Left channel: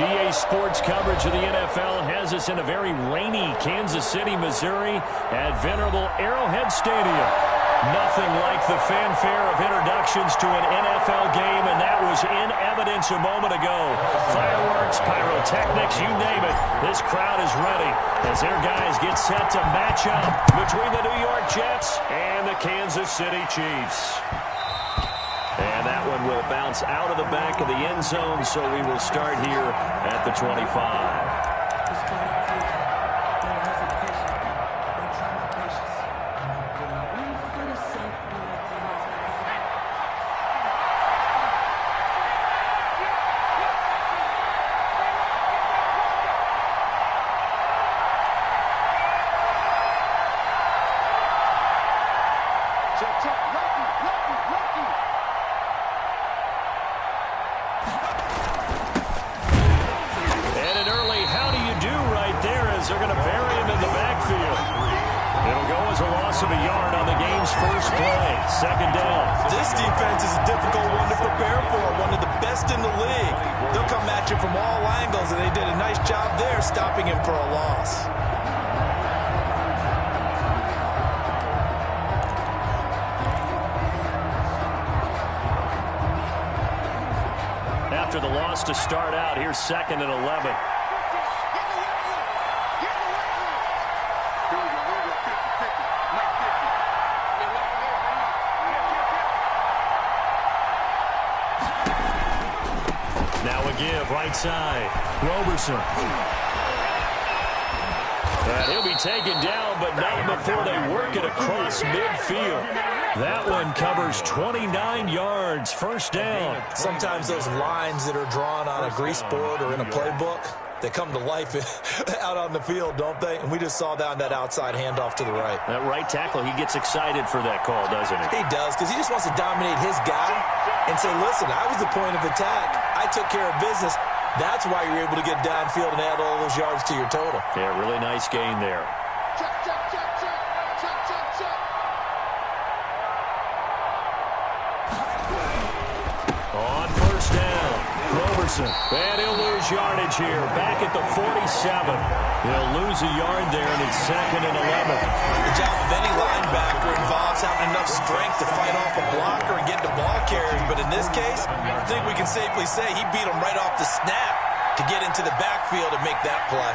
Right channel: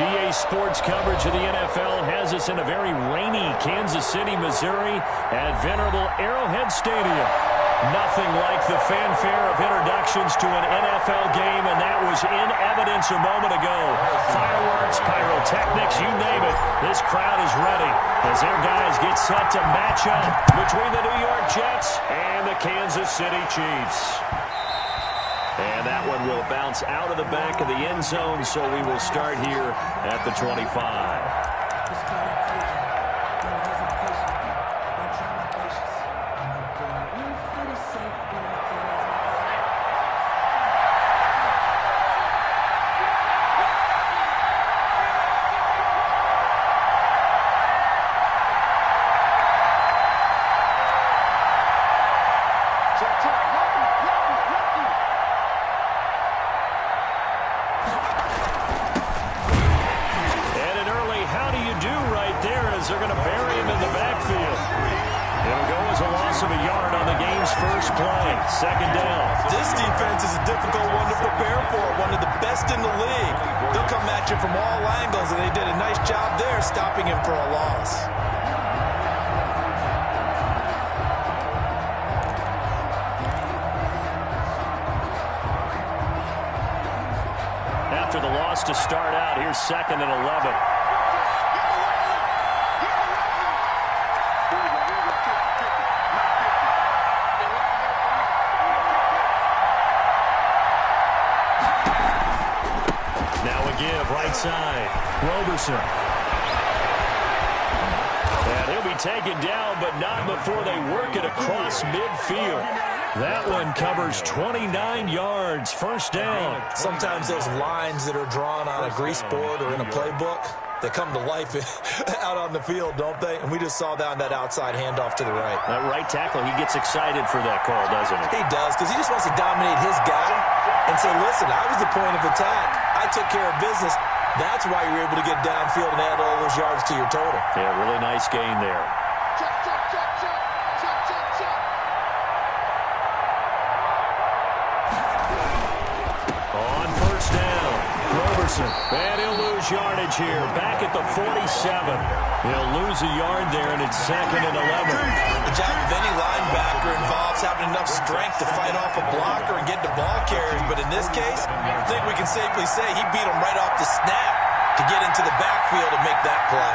EA Sports coverage of the NFL has us in a very rainy Kansas City, Missouri at venerable Arrowhead Stadium. Nothing like the fanfare of introductions to an NFL game, and that was in evidence a moment ago. Fireworks, pyrotechnics, you name it. This crowd is ready as their guys get set to match up between the New York Jets and the Kansas City Chiefs. And that one will bounce out of the back of the end zone, so we will start here at the 25. They're going to bury him in the backfield. It'll go as a loss of a yard on the game's first play. Second down. This defense is a difficult one to prepare for, one of the best in the league. They'll come at you from all angles, and they did a nice job there stopping him for a loss. After the loss to start out, here's 2nd and 11. Now a give, right side. Roberson. And he'll be taken down, but not before they work it across midfield. That one covers 29 yards, first down. Sometimes those lines that are drawn on a grease board or in a playbook, they come to life out on the field, don't they? And we just saw that on that outside handoff to the right. That right tackle, he gets excited for that call, doesn't he? He does, because he just wants to dominate his guy and say, listen, I was the point of attack. I took care of business. That's why you're able to get downfield and add all those yards to your total. Yeah, really nice gain there. Check, check, check, check, check, check, check. On first down, Roberson. And he'll lose yardage here. Back at the 47. He'll lose a yard there, and it's 2nd and 11. The job of any linebacker involves having enough strength to fight off a blocker and get to ball carriers. But in this case, I think we can safely say he beat him right off the snap to get into the backfield and make that play.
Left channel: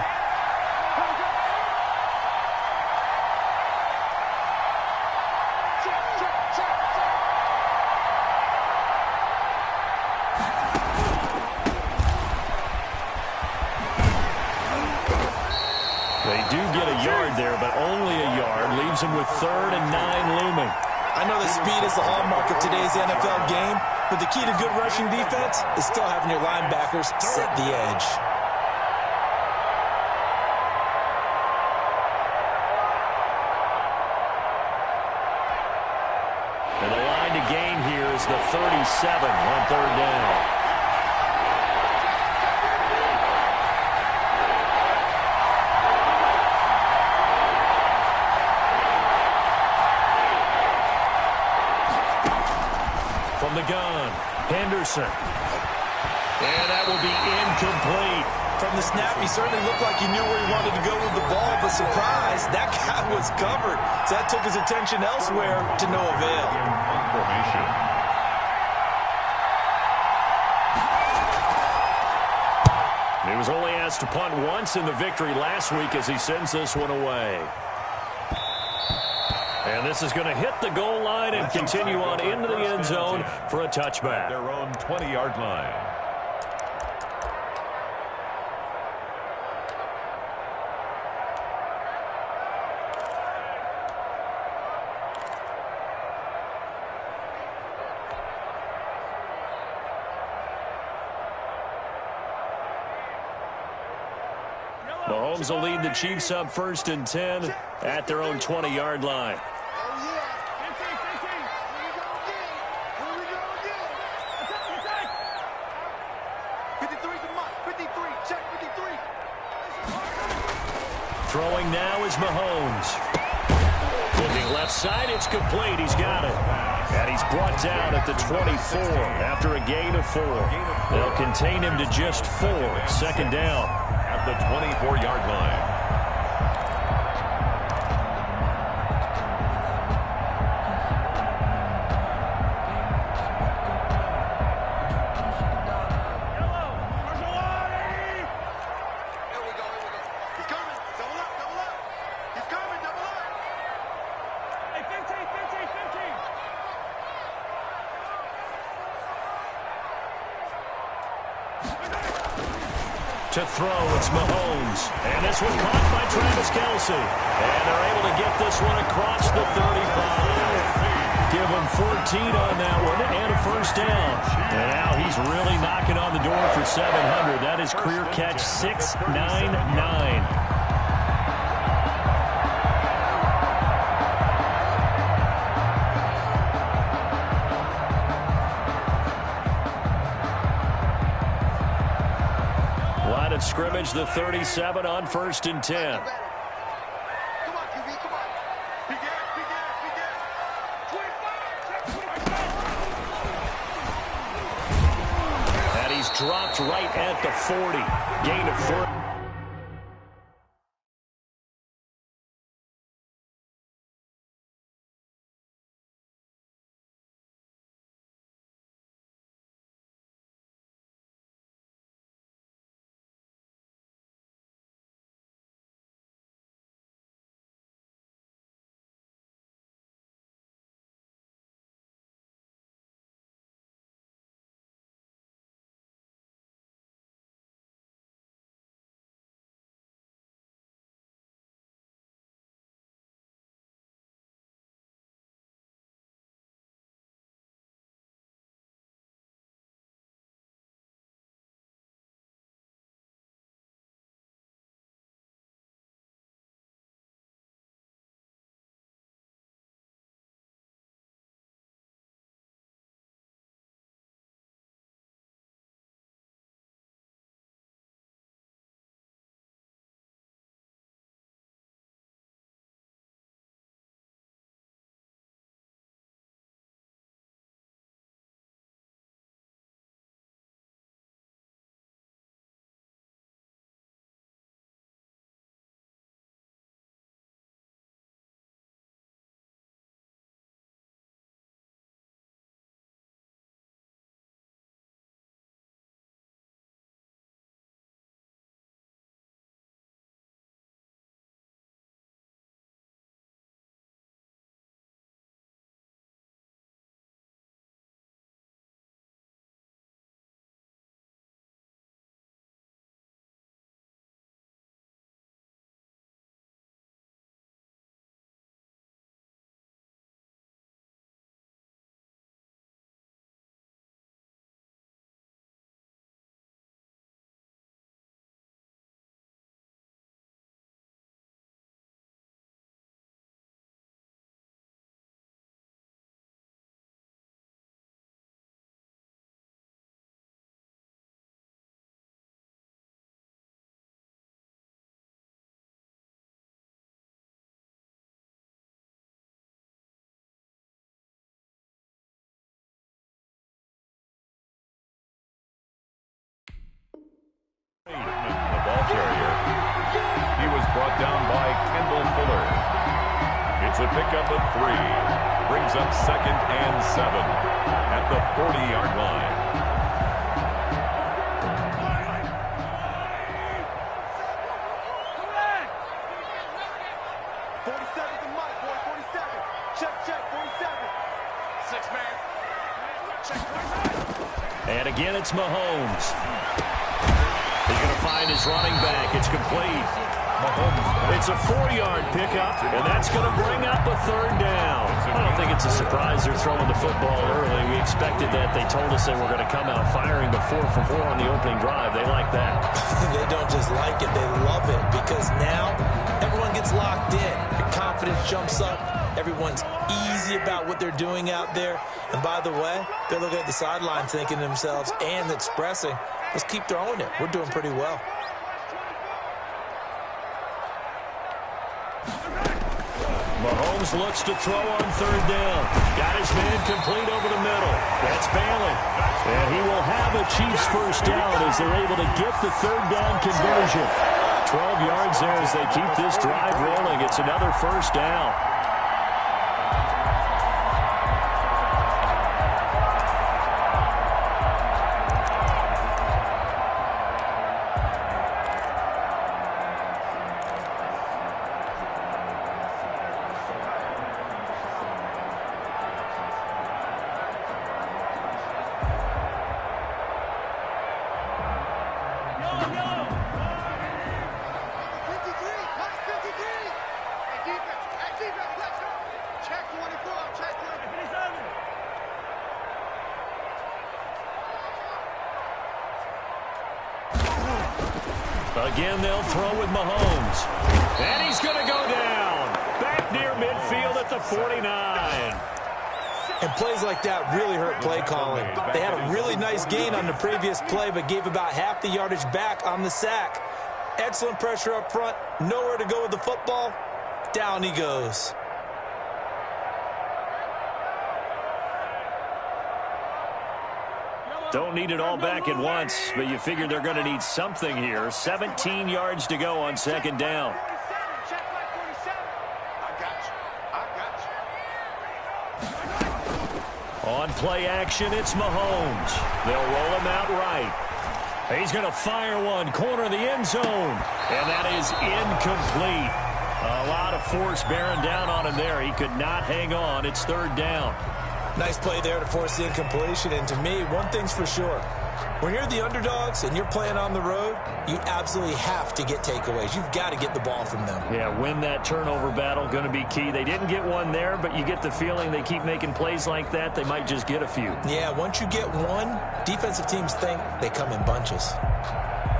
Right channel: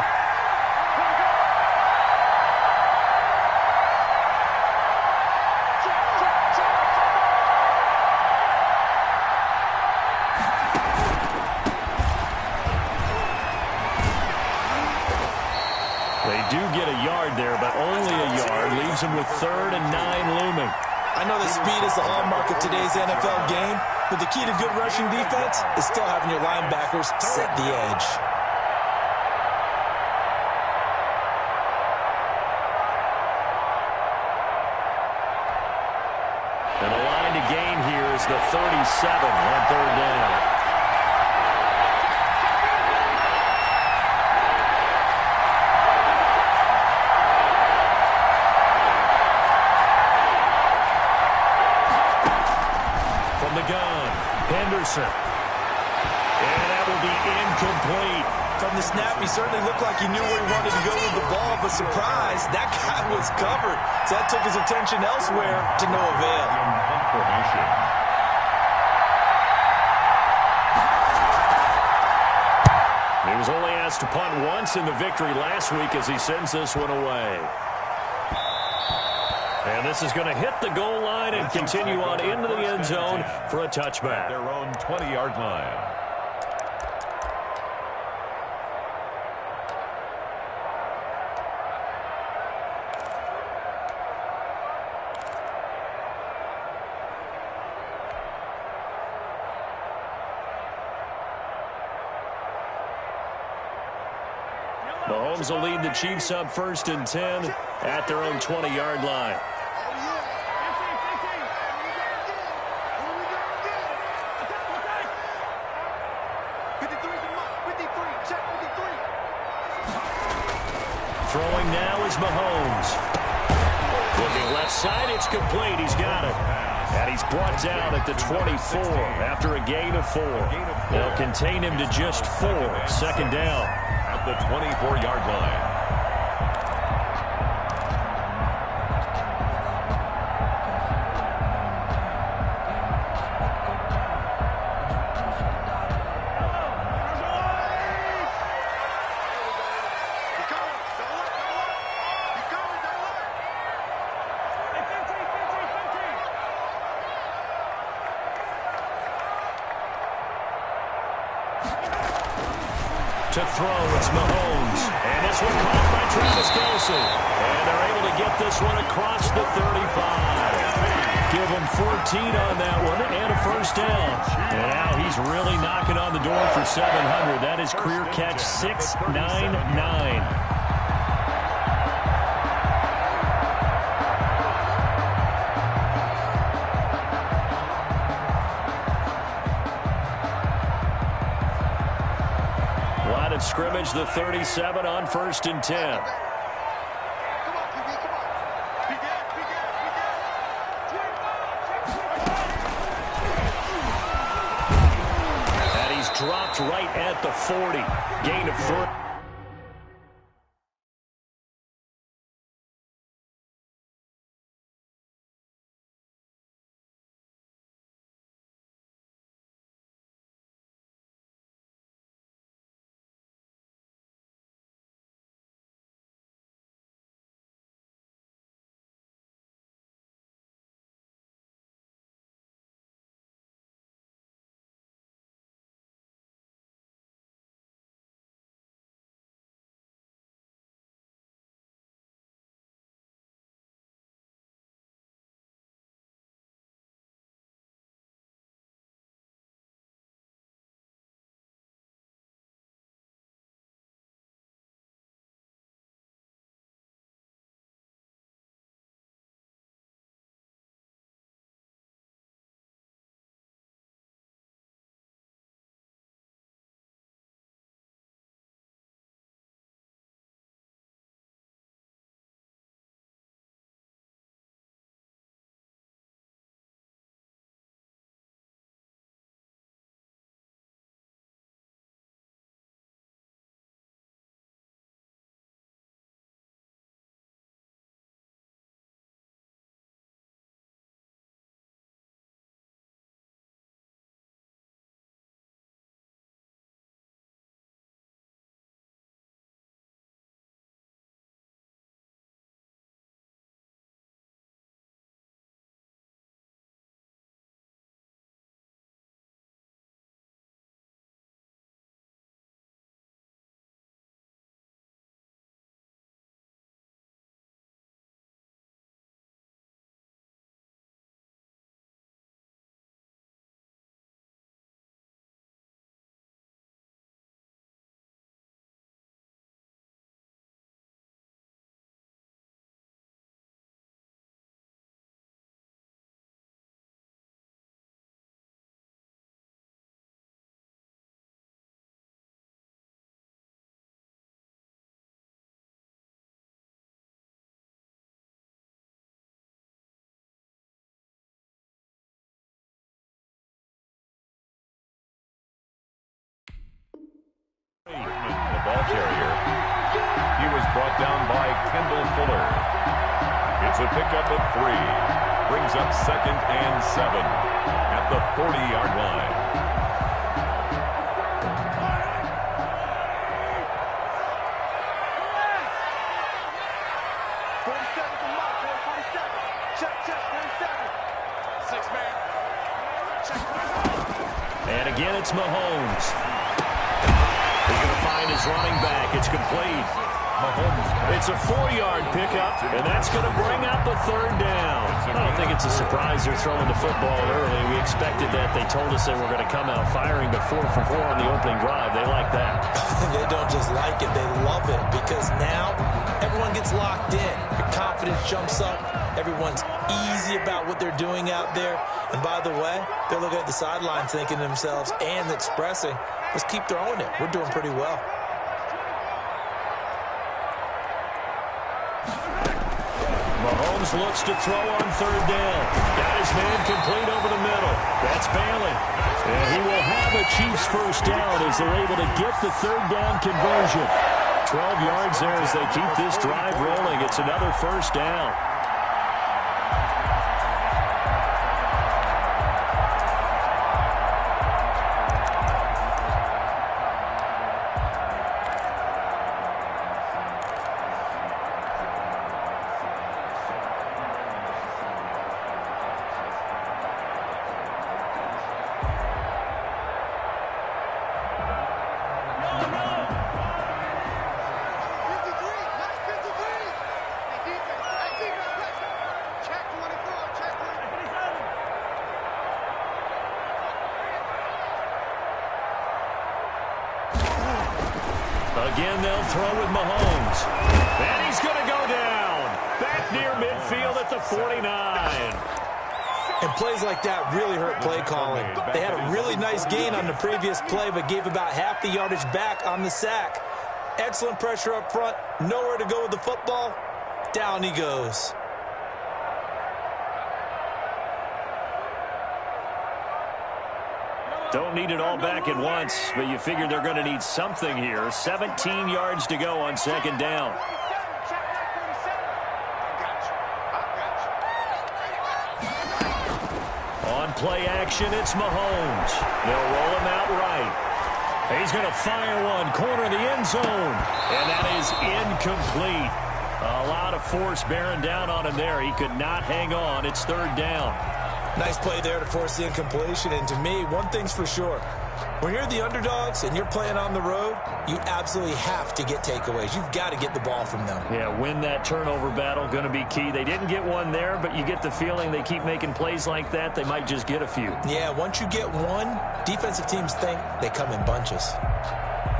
They do get a yard there, but only a yard. Leaves them with 3rd and 9 looming. I know that speed is the hallmark of today's NFL game, but the key to good rushing defense is still having your linebackers set the edge. And the line to gain here is the 37 on 3rd down. From the gun, Henderson. And that will be incomplete. From the snap, he certainly looked like he knew where he wanted to go with the ball, but surprise, that guy was covered. So that took his attention elsewhere to no avail. He was only asked to punt once in the victory last week as he sends this one away. And this is going to hit the goal line and continue on into the end zone for a touchback. Their own 20-yard line. Mahomes will lead the Chiefs up 1st and 10 at their own 20-yard line. Throwing now is Mahomes. Looking left side, it's complete. He's got it. And he's brought down at the 24 after a gain of 4. They'll contain him to just 4. Second down. At the 24-yard line. To throw, it's Mahomes. And this one caught by Travis Kelce. And they're able to get this one across the 35. Give him 14 on that one and a first down. And now he's really knocking on the door for 700. That is career catch 699. Line of scrimmage, the 37 on 1st and 10. Come on, QB, come on. Big air. And he's dropped right at the 40. Gain of 3. The ball carrier. He was brought down by Kendall Fuller. It's a pickup of 3. Brings up 2nd and 7 at the 40-yard line. And again, it's Mahomes. He's going to find his running back. It's complete. Mahomes. It's a 4-yard pickup, and that's going to bring up a 3rd down. I don't think it's a surprise they're throwing the football early. We expected that. They told us they were going to come out firing to 4 for 4 on the opening drive. They like that. They don't just like it. They love it because now everyone gets locked in. Your confidence jumps up. Everyone's easy about what they're doing out there. And by the way, they're looking at the sideline thinking to themselves and expressing, let's keep throwing it. We're doing pretty well. Mahomes looks to throw on third down. Got his man complete over the middle. That's Bailey. And he will have a Chiefs first down as they're able to get the third down conversion. 12 yards there as they keep this drive rolling. It's another first down. Again, they'll throw with Mahomes. And he's going to go down. Back near midfield at the 49. And plays like that really hurt play calling. They had a really nice gain on the previous play, but gave about half the yardage back on the sack. Excellent pressure up front. Nowhere to go with the football. Down he goes. Don't need it all back at once, but you figure they're going to need something here. 17 yards to go on second down. On play action, it's Mahomes. They'll roll him out right. He's going to fire one, corner of the end zone. And that is incomplete. A lot of force bearing down on him there. He could not hang on. It's third down. Nice play there to force the incompletion. And to me, one thing's for sure. When you're the underdogs and you're playing on the road, you absolutely have to get takeaways. You've got to get the ball from them. Yeah, win that turnover battle, going to be key. They didn't get one there, but you get the feeling they keep making plays like that, they might just get a few. Yeah, once you get one, defensive teams think they come in bunches.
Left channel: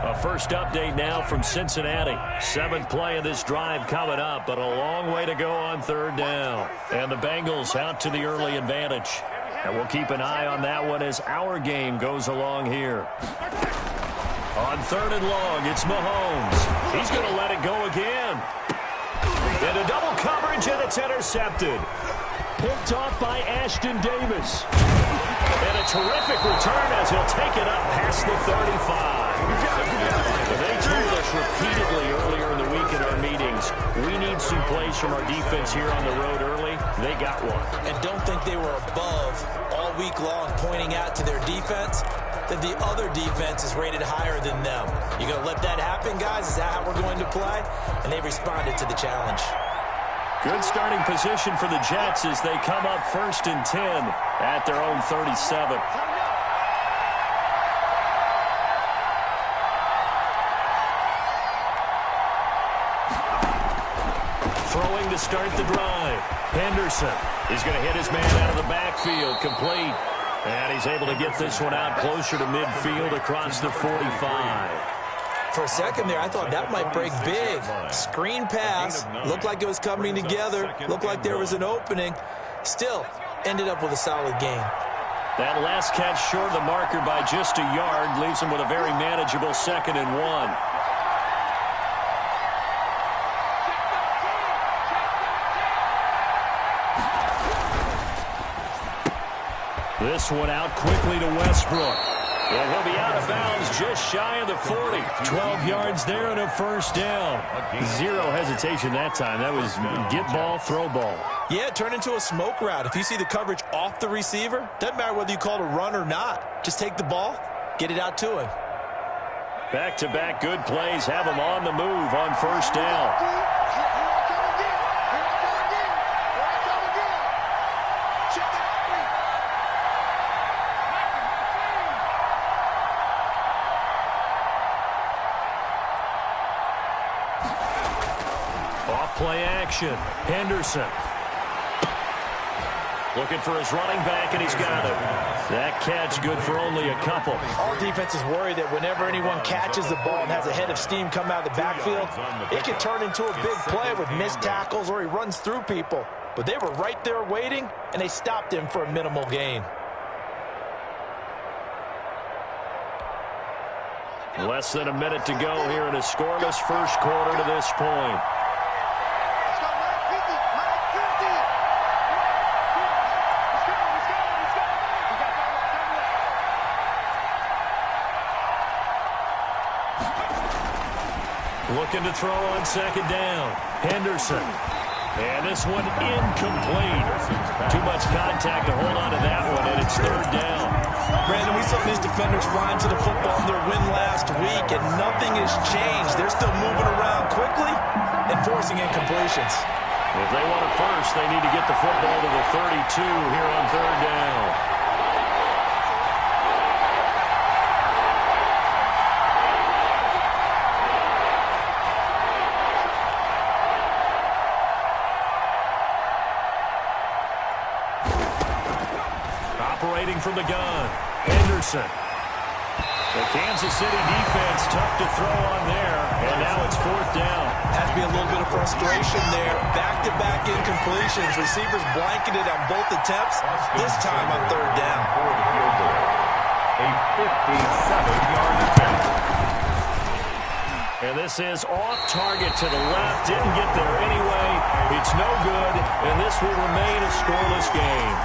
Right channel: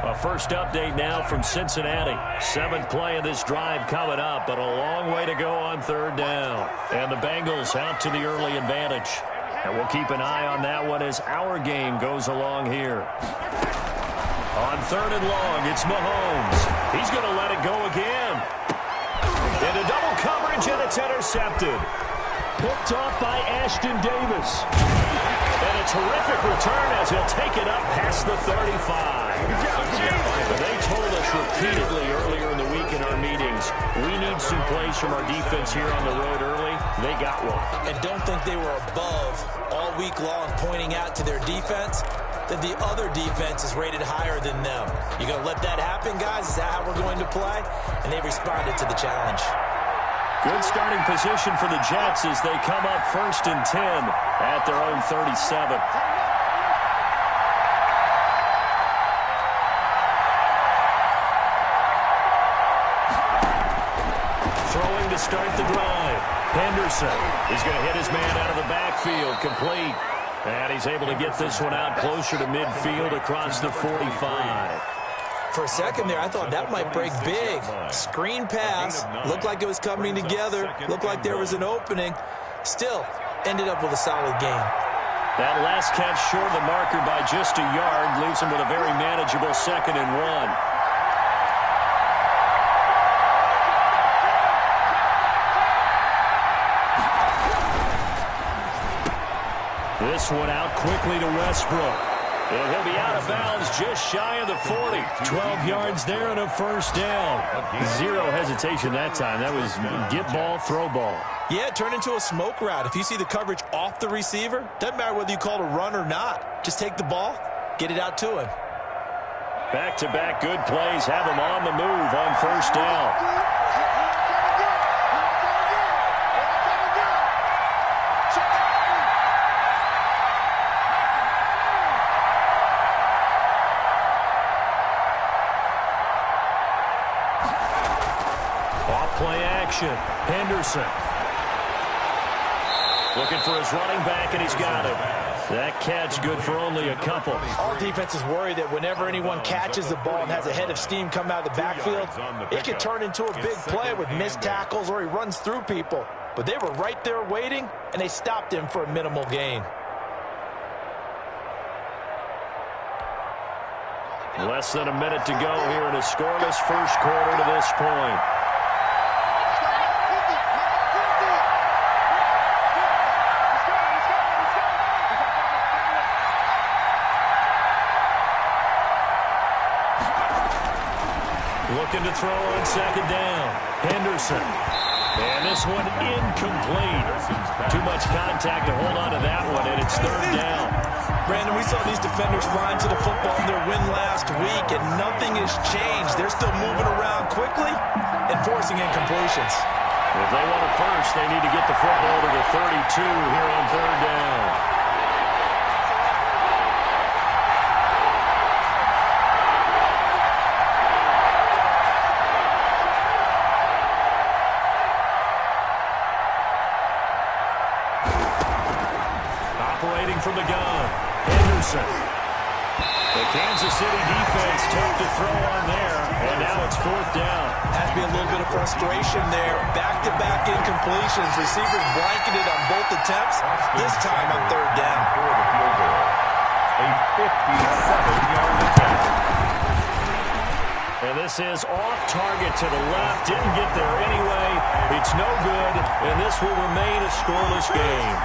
A first update now from Cincinnati. 7th play of this drive coming up, but a long way to go on third down. And the Bengals out to the early advantage. And we'll keep an eye on that one as our game goes along here. On third and long, it's Mahomes. He's going to let it go again. Into double coverage, and it's intercepted. Picked off by Ashton Davis. And a terrific return as he'll take it up past the 35. They told us repeatedly earlier in the week in our meetings, we need some plays from our defense here on the road early. They got one. And don't think they were above all week long pointing out to their defense that the other defense is rated higher than them. You going to let that happen, guys? Is that how we're going to play? And they responded to the challenge. Good starting position for the Jets as they come up 1st and 10 at their own 37. Throwing to start the drive. Henderson is going to hit his man out of the backfield, complete. And he's able to get this one out closer to midfield across the 45. For a second there, I thought that might break big. Screen pass. Looked like it was coming together. Looked like there was an opening. Still, ended up with a solid gain. That last catch short of the marker by just a yard leaves him with a very manageable 2nd and 1. This one out quickly to Westbrook. And he'll be out of bounds just shy of the 40. 12 yards there and a first down. Zero hesitation that time. That was get ball, throw ball. Yeah, it turned into a smoke route. If you see the coverage off the receiver, doesn't matter whether you call it a run or not. Just take the ball, get it out to him. Back-to-back good plays have him on the move on first down. Play action. Henderson. Looking for his running back, and he's got it. That catch good for only a couple. All defenses worry that whenever anyone catches the ball and has a head of steam come out of the backfield, it could turn into a big play with missed tackles or he runs through people. But they were right there waiting, and they stopped him for a minimal gain. Less than a minute to go here in a scoreless first quarter to this point. Looking to throw on second down. Henderson. And this one incomplete. Too much contact to hold on to that one, and it's third down. Brandon, we saw these defenders flying to the football in their win last week, and nothing has changed. They're still moving around quickly and forcing incompletions. If they want it first, they need to get the football to the 32 here on third down. Operating from the gun, Henderson. The Kansas City defense tough to throw on there, and now it's fourth down. Has to be a little bit of frustration there. Back-to-back incompletions. Receivers blanketed on both attempts, this time on third down. For the field goal. A 57-yard attempt. And this is off target to the left. Didn't get there anyway. It's no good, and this will remain a scoreless game.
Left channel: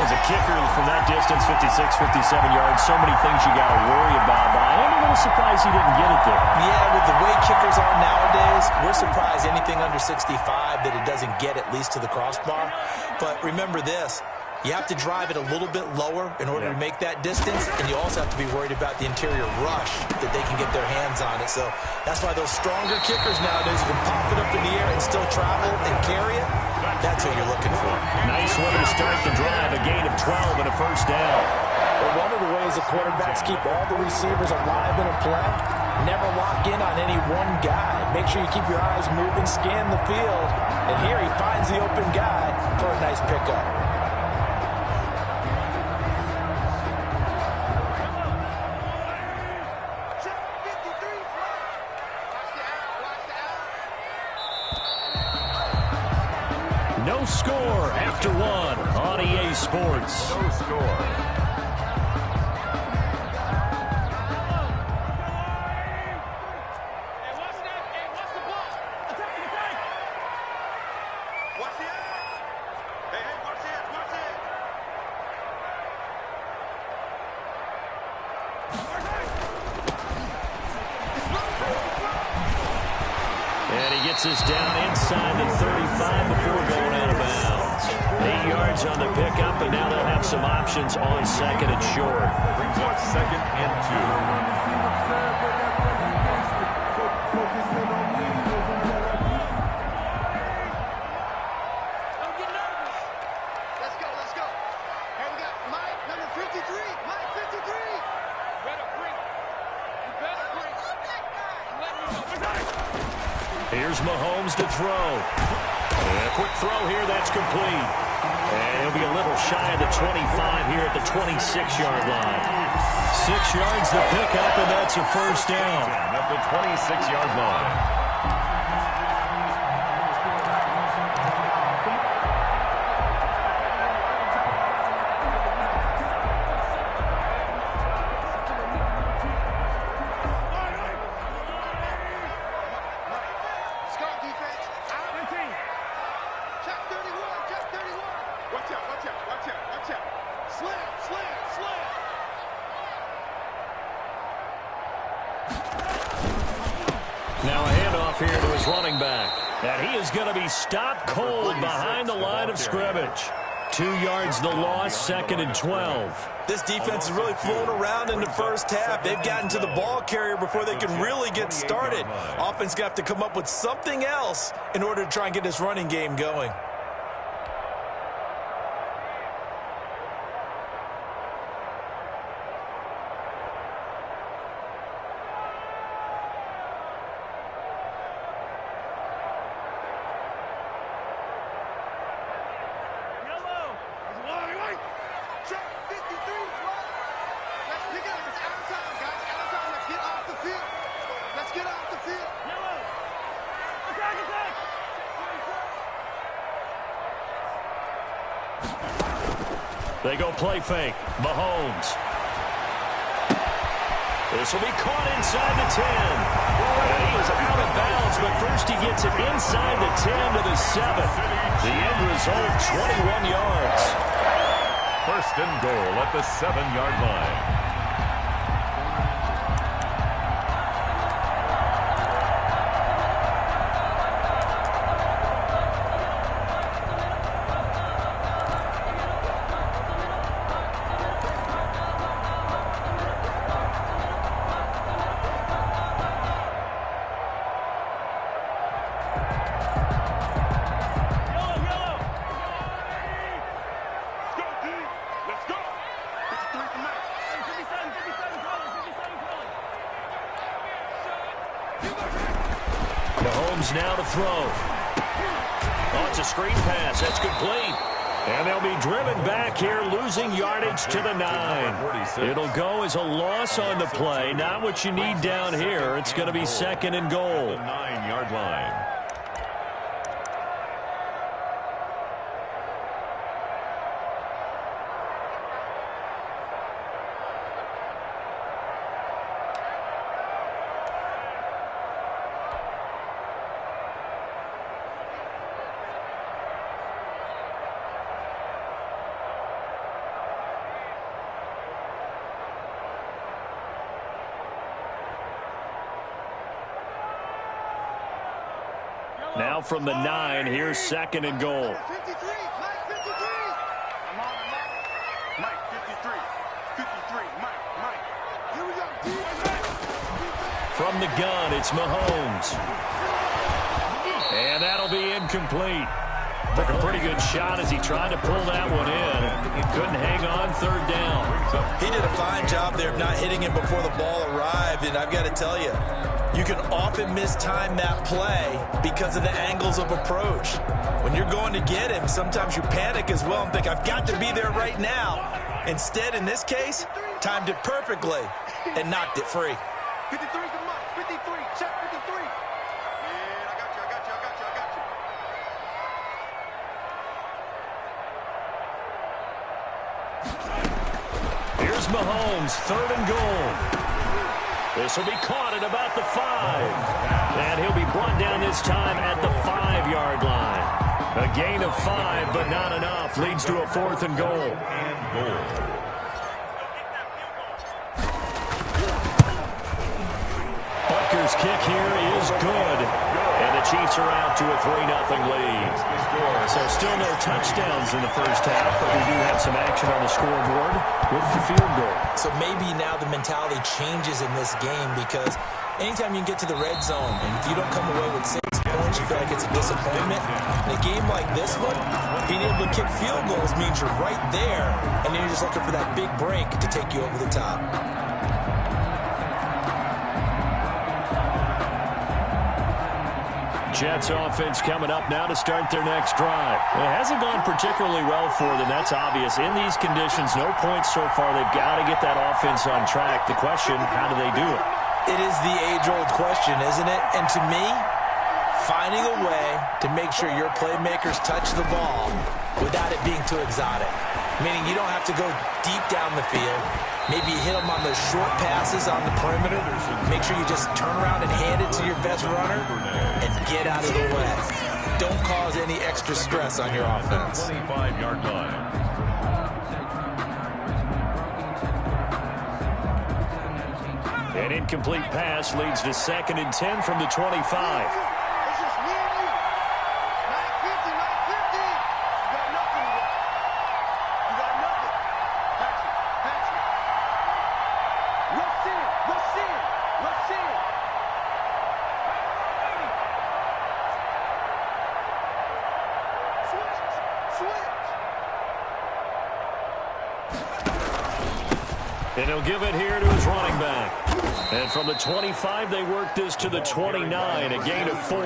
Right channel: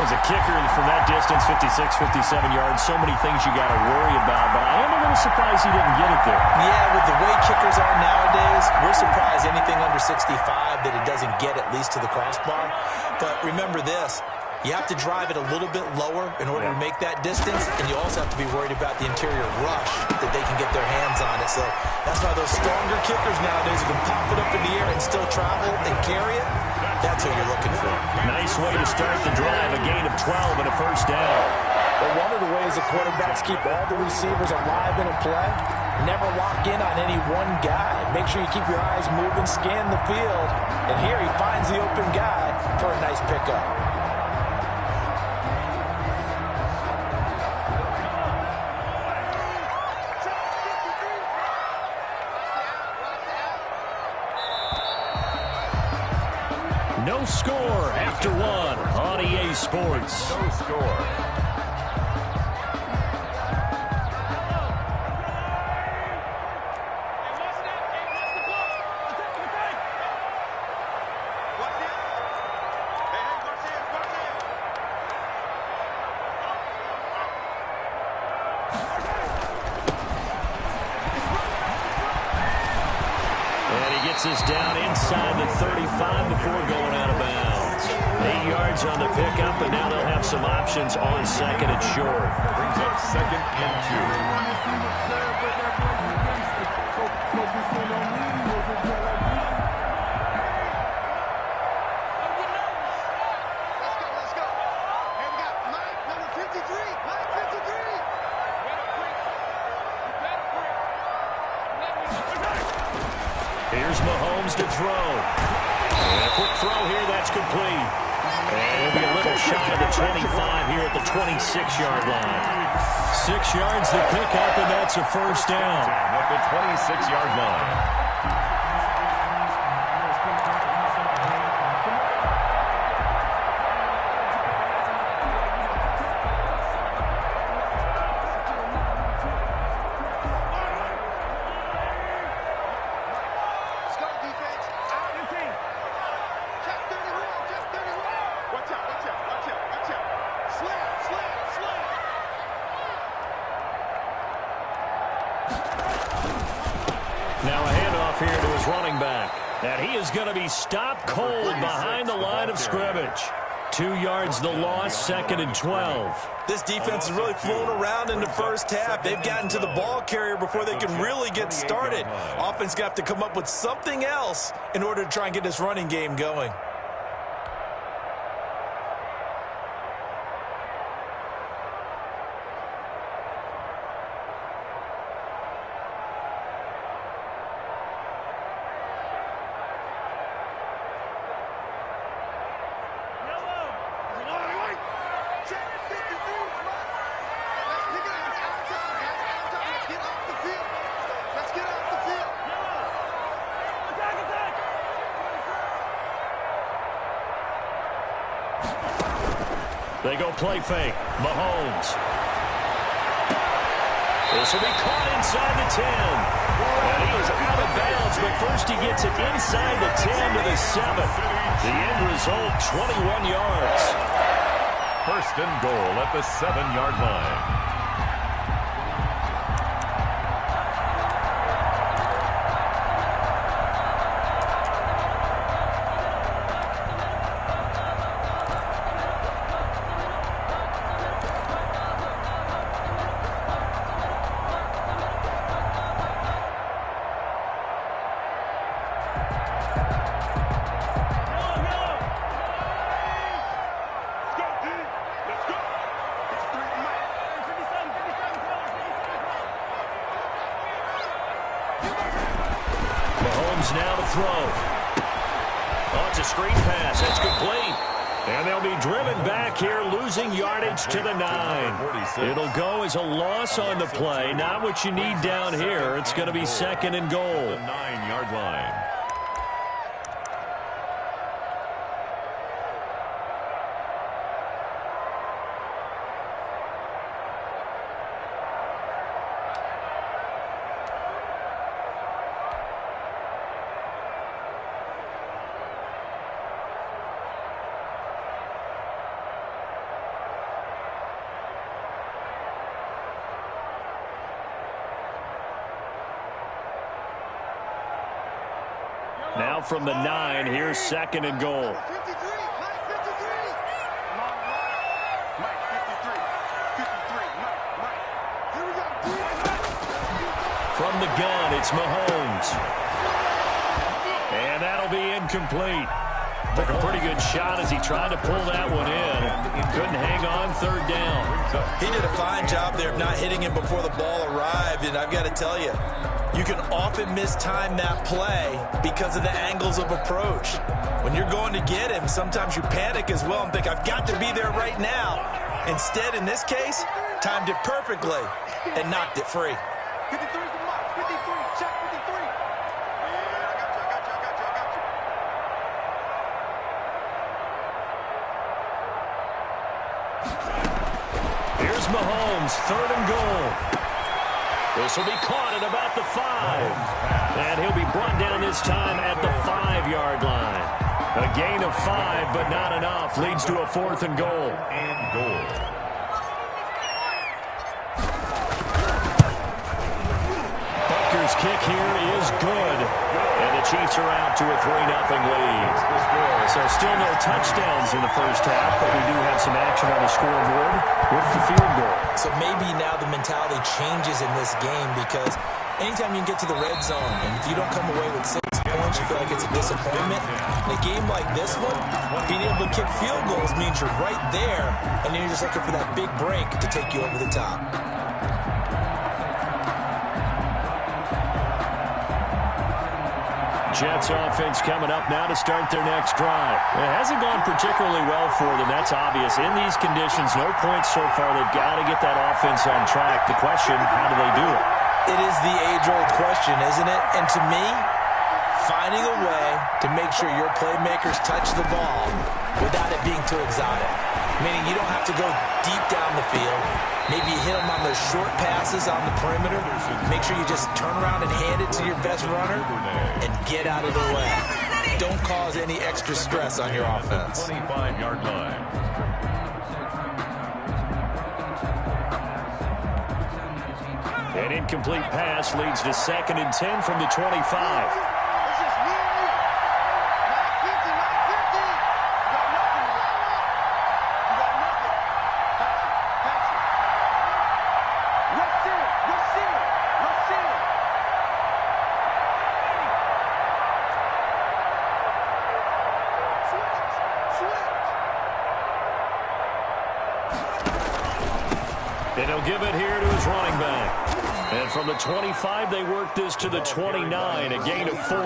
As a kicker from that distance, 56, 57 yards, so many things you got to worry about, but I am a little surprised he didn't get it there. Yeah, with the way kickers are nowadays, we're surprised anything under 65 that it doesn't get at least to the crossbar. But remember this, you have to drive it a little bit lower in order to make that distance, and you also have to be worried about the interior rush that they can get their hands on it. So that's why those stronger kickers nowadays who can pop it up in the air and still travel and carry it, that's what you're looking for. Nice way to start the drive, a gain of 12 and a first down. Well, one of the ways that quarterbacks keep all the receivers alive in a play, never lock in on any one guy. Make sure you keep your eyes moving, scan the field, and here he finds the open guy for a nice pickup. No score after one on EA Sports. No score. And he gets us down inside the 35 before going out of bounds. 8 yards on the pickup, and now they'll have some options on second and short. Brings up second and 2. Let's go. Hey, we got Mike, number 53. Mike, 53. You better bring. Let me know. Here's Mahomes to throw. And a quick throw here, that's complete. And he'll be a little shy of the 25 here at the 26-yard line. 6 yards to pick up, and that's a first down. At the 26-yard line. Now a handoff here to his running back. And he is going to be stopped cold behind the line of scrimmage. 2 yards the loss, second and 12. This defense has really flown around in the first half. They've gotten to the ball carrier before they can really get started. Offense going to have to come up with something else in order to try and get this running game going. They go play fake. Mahomes. This will be caught inside the 10. And he is out of bounds, but first he gets it inside the 10 to the 7. The end result, 21 yards. First and goal at the 7-yard line. Mahomes now to throw. Oh, it's a screen pass. That's complete. And they'll be driven back here, losing yardage to the 9. It'll go as a loss on the play. Not what you need down here. It's going to be 2nd and goal. The 9-yard line. Now from the 9, here's 2nd and goal. 53, Mike 53. Come on, Mike 53. 53, Mike. Here we go. From the gun, it's Mahomes. And that'll be incomplete. Took a pretty good shot as he tried to pull that one in. Couldn't hang on 3rd down. He did a fine job there of not hitting him before the ball arrived, and I've got to tell you, you can often mistime that play because of the angles of approach. When you're going to get him, sometimes you panic as well and think, I've got to be there right now. Instead, in this case, timed it perfectly and knocked it free. 53 to Mike. 53, check 53. Man, I got you. Here's Mahomes, 3rd and goal. This will be caught at about the 5. And he'll be brought down this time at the 5-yard line. A gain of 5, but not enough. Leads to a 4th and goal. Butker's kick here is good. And the Chiefs are out to a 3-0 lead. So still no touchdowns in the first half, but we do have some action on the scoreboard with the field goal. So maybe now the mentality changes in this game because anytime you can get to the red zone and if you don't come away with 6 points, you feel like it's a disappointment. In a game like this one, being able to kick field goals means you're right there, and then you're just looking for that big break to take you over the top. Jets offense coming up now to start their next drive. It hasn't gone particularly well for them. That's obvious. In these conditions, no points so far. They've got to get that offense on track. The question, how do they do it? It is the age-old question, isn't it? And to me, finding a way to make sure your playmakers touch the ball without it being too exotic. Meaning you don't have to go deep down the field. Maybe you hit them on those short passes on the perimeter. Make sure you just turn around and hand it to your best runner and get out of the way. Don't cause any extra stress on your offense. 25-yard line. An incomplete pass leads to 2nd and 10 from the 25. And he'll give it here to his running back. And from the 25, they work this to the 29, a gain of 4.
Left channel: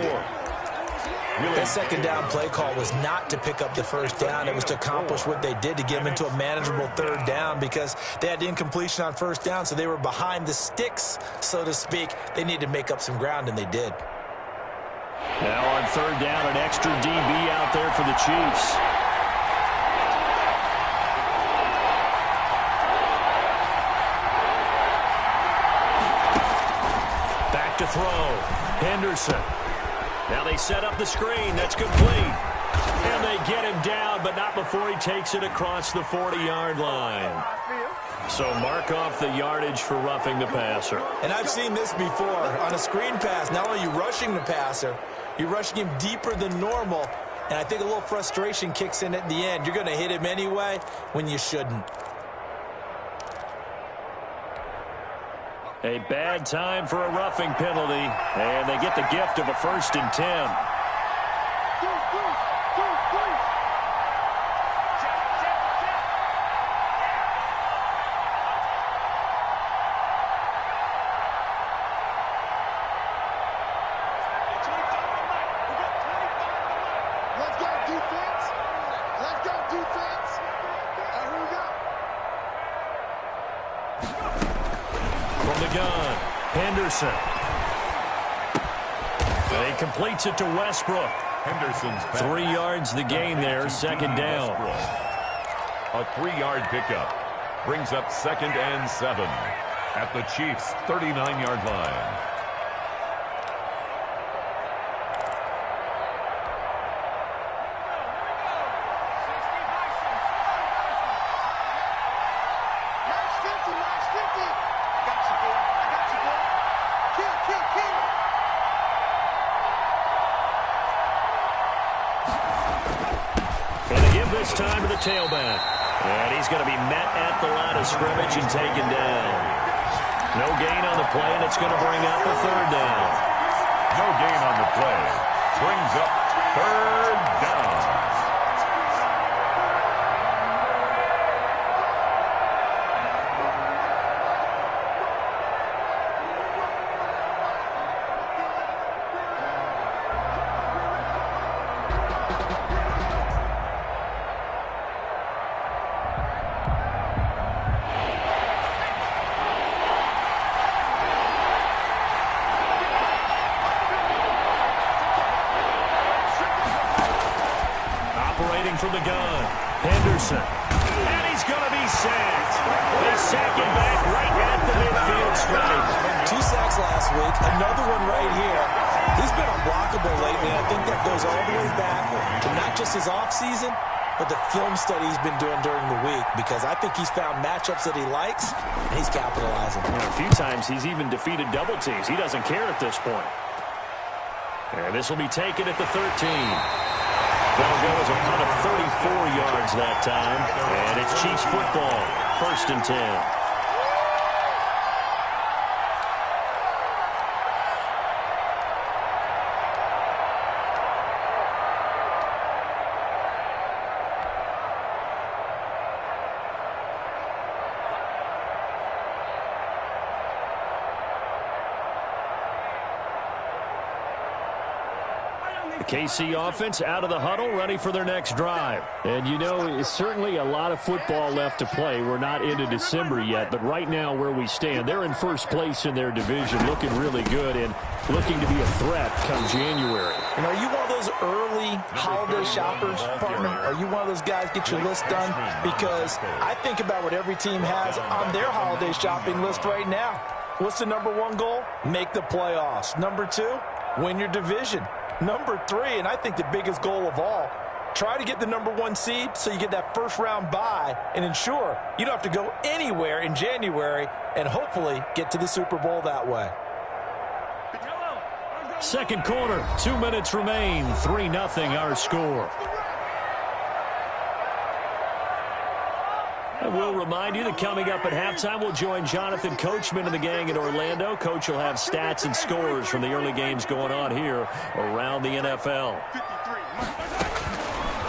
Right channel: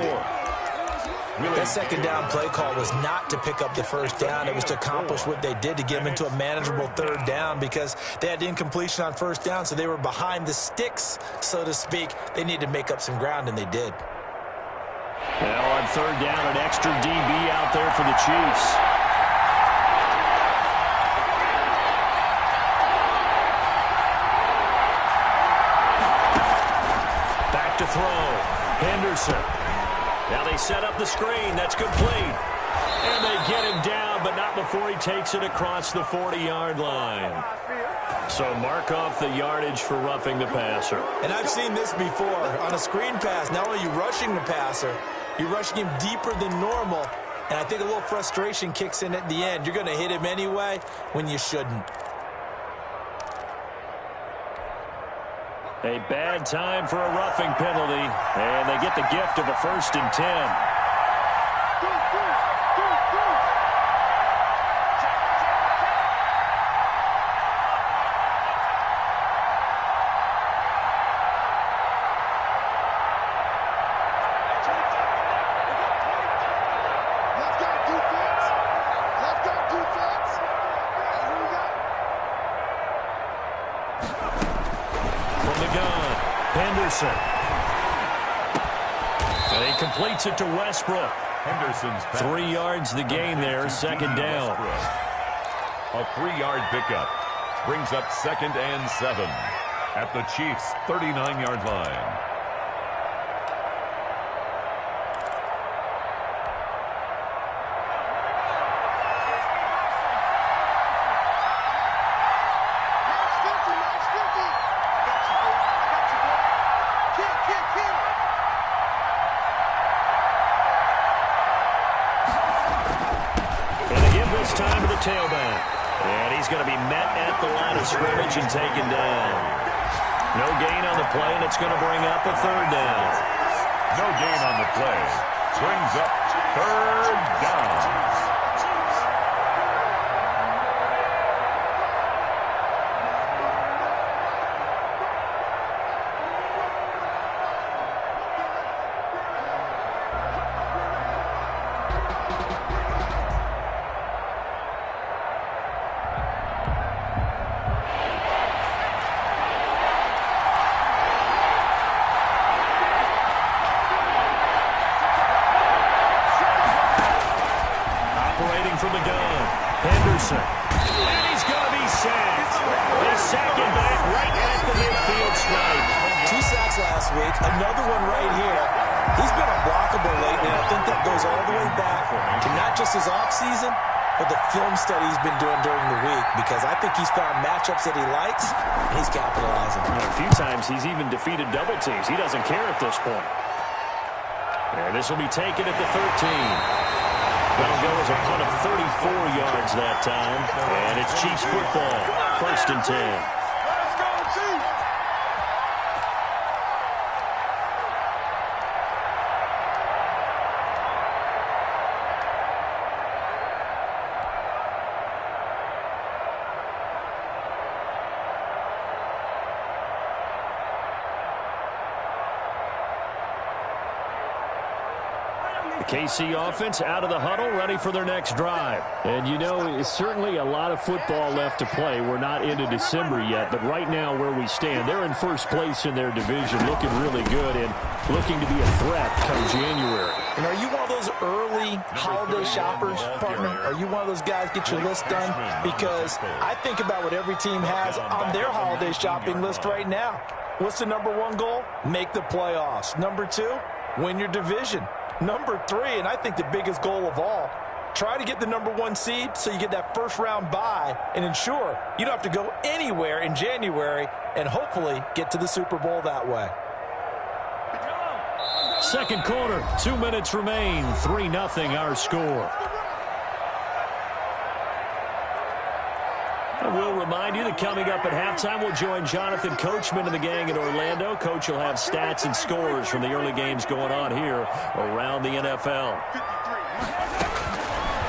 That second down play call was not to pick up the first down. It was to accomplish what they did to get them into a manageable 3rd down because they had incompletion on first down, so they were behind the sticks, so to speak. They needed to make up some ground, and they did. Now on 3rd down, an extra DB out there for the Chiefs. To throw. Henderson. Now they set up the screen. That's complete. And they get him down, but not before he takes it across the 40-yard line. So mark off the yardage for roughing the passer. And I've seen this before. On a screen pass, not only are you rushing the passer, you're rushing him deeper than normal. And I think a little frustration kicks in at the end. You're going to hit him anyway when you shouldn't. A bad time for a roughing penalty, and they get the gift of a 1st and 10. From the gun, Henderson. And he completes it to Westbrook. Henderson's pass. 3 yards the gain there, second down. A 3-yard pickup brings up 2nd and 7 at the Chiefs' 39-yard line. This time to the tailback. And he's going to be met at the line of scrimmage and taken down. No gain on the play, and it's going to bring up a 3rd down. No gain on the play. Brings up 3rd down. From the gun, Henderson. And he's going to be sacked. They sack him back right at the midfield stripe. 2 sacks last week, another one right here. He's been unblockable lately, and I think that goes all the way back to not just his offseason, but the film study he's been doing during the week, because I think he's found matchups that he likes, and he's capitalizing. And a few times he's even defeated double teams. He doesn't care at this point. And this will be taken at the 13. That'll go as a punt of 34 yards that time. And it's Chiefs football, 1st and 10. KC offense out of the huddle, ready for their next drive. And, you know, it's certainly a lot of football left to play. We're not into December yet, but right now where we stand, they're in first place in their division, looking really good and looking to be a threat come January. And are you one of those early holiday shoppers, partner? Are you one of those guys get your list done? Because I think about what every team has on their holiday shopping list right now. What's the #1 goal? Make the playoffs. #2, win your division. #3, and I think the biggest goal of all, try to get the #1 seed so you get that first-round bye and ensure you don't have to go anywhere in January and hopefully get to the Super Bowl that way. Second quarter, 2 minutes remain, 3-0 our score. I will remind you that coming up at halftime, we'll join Jonathan Coachman and the gang in Orlando. Coach will have stats and scores from the early games going on here around the NFL.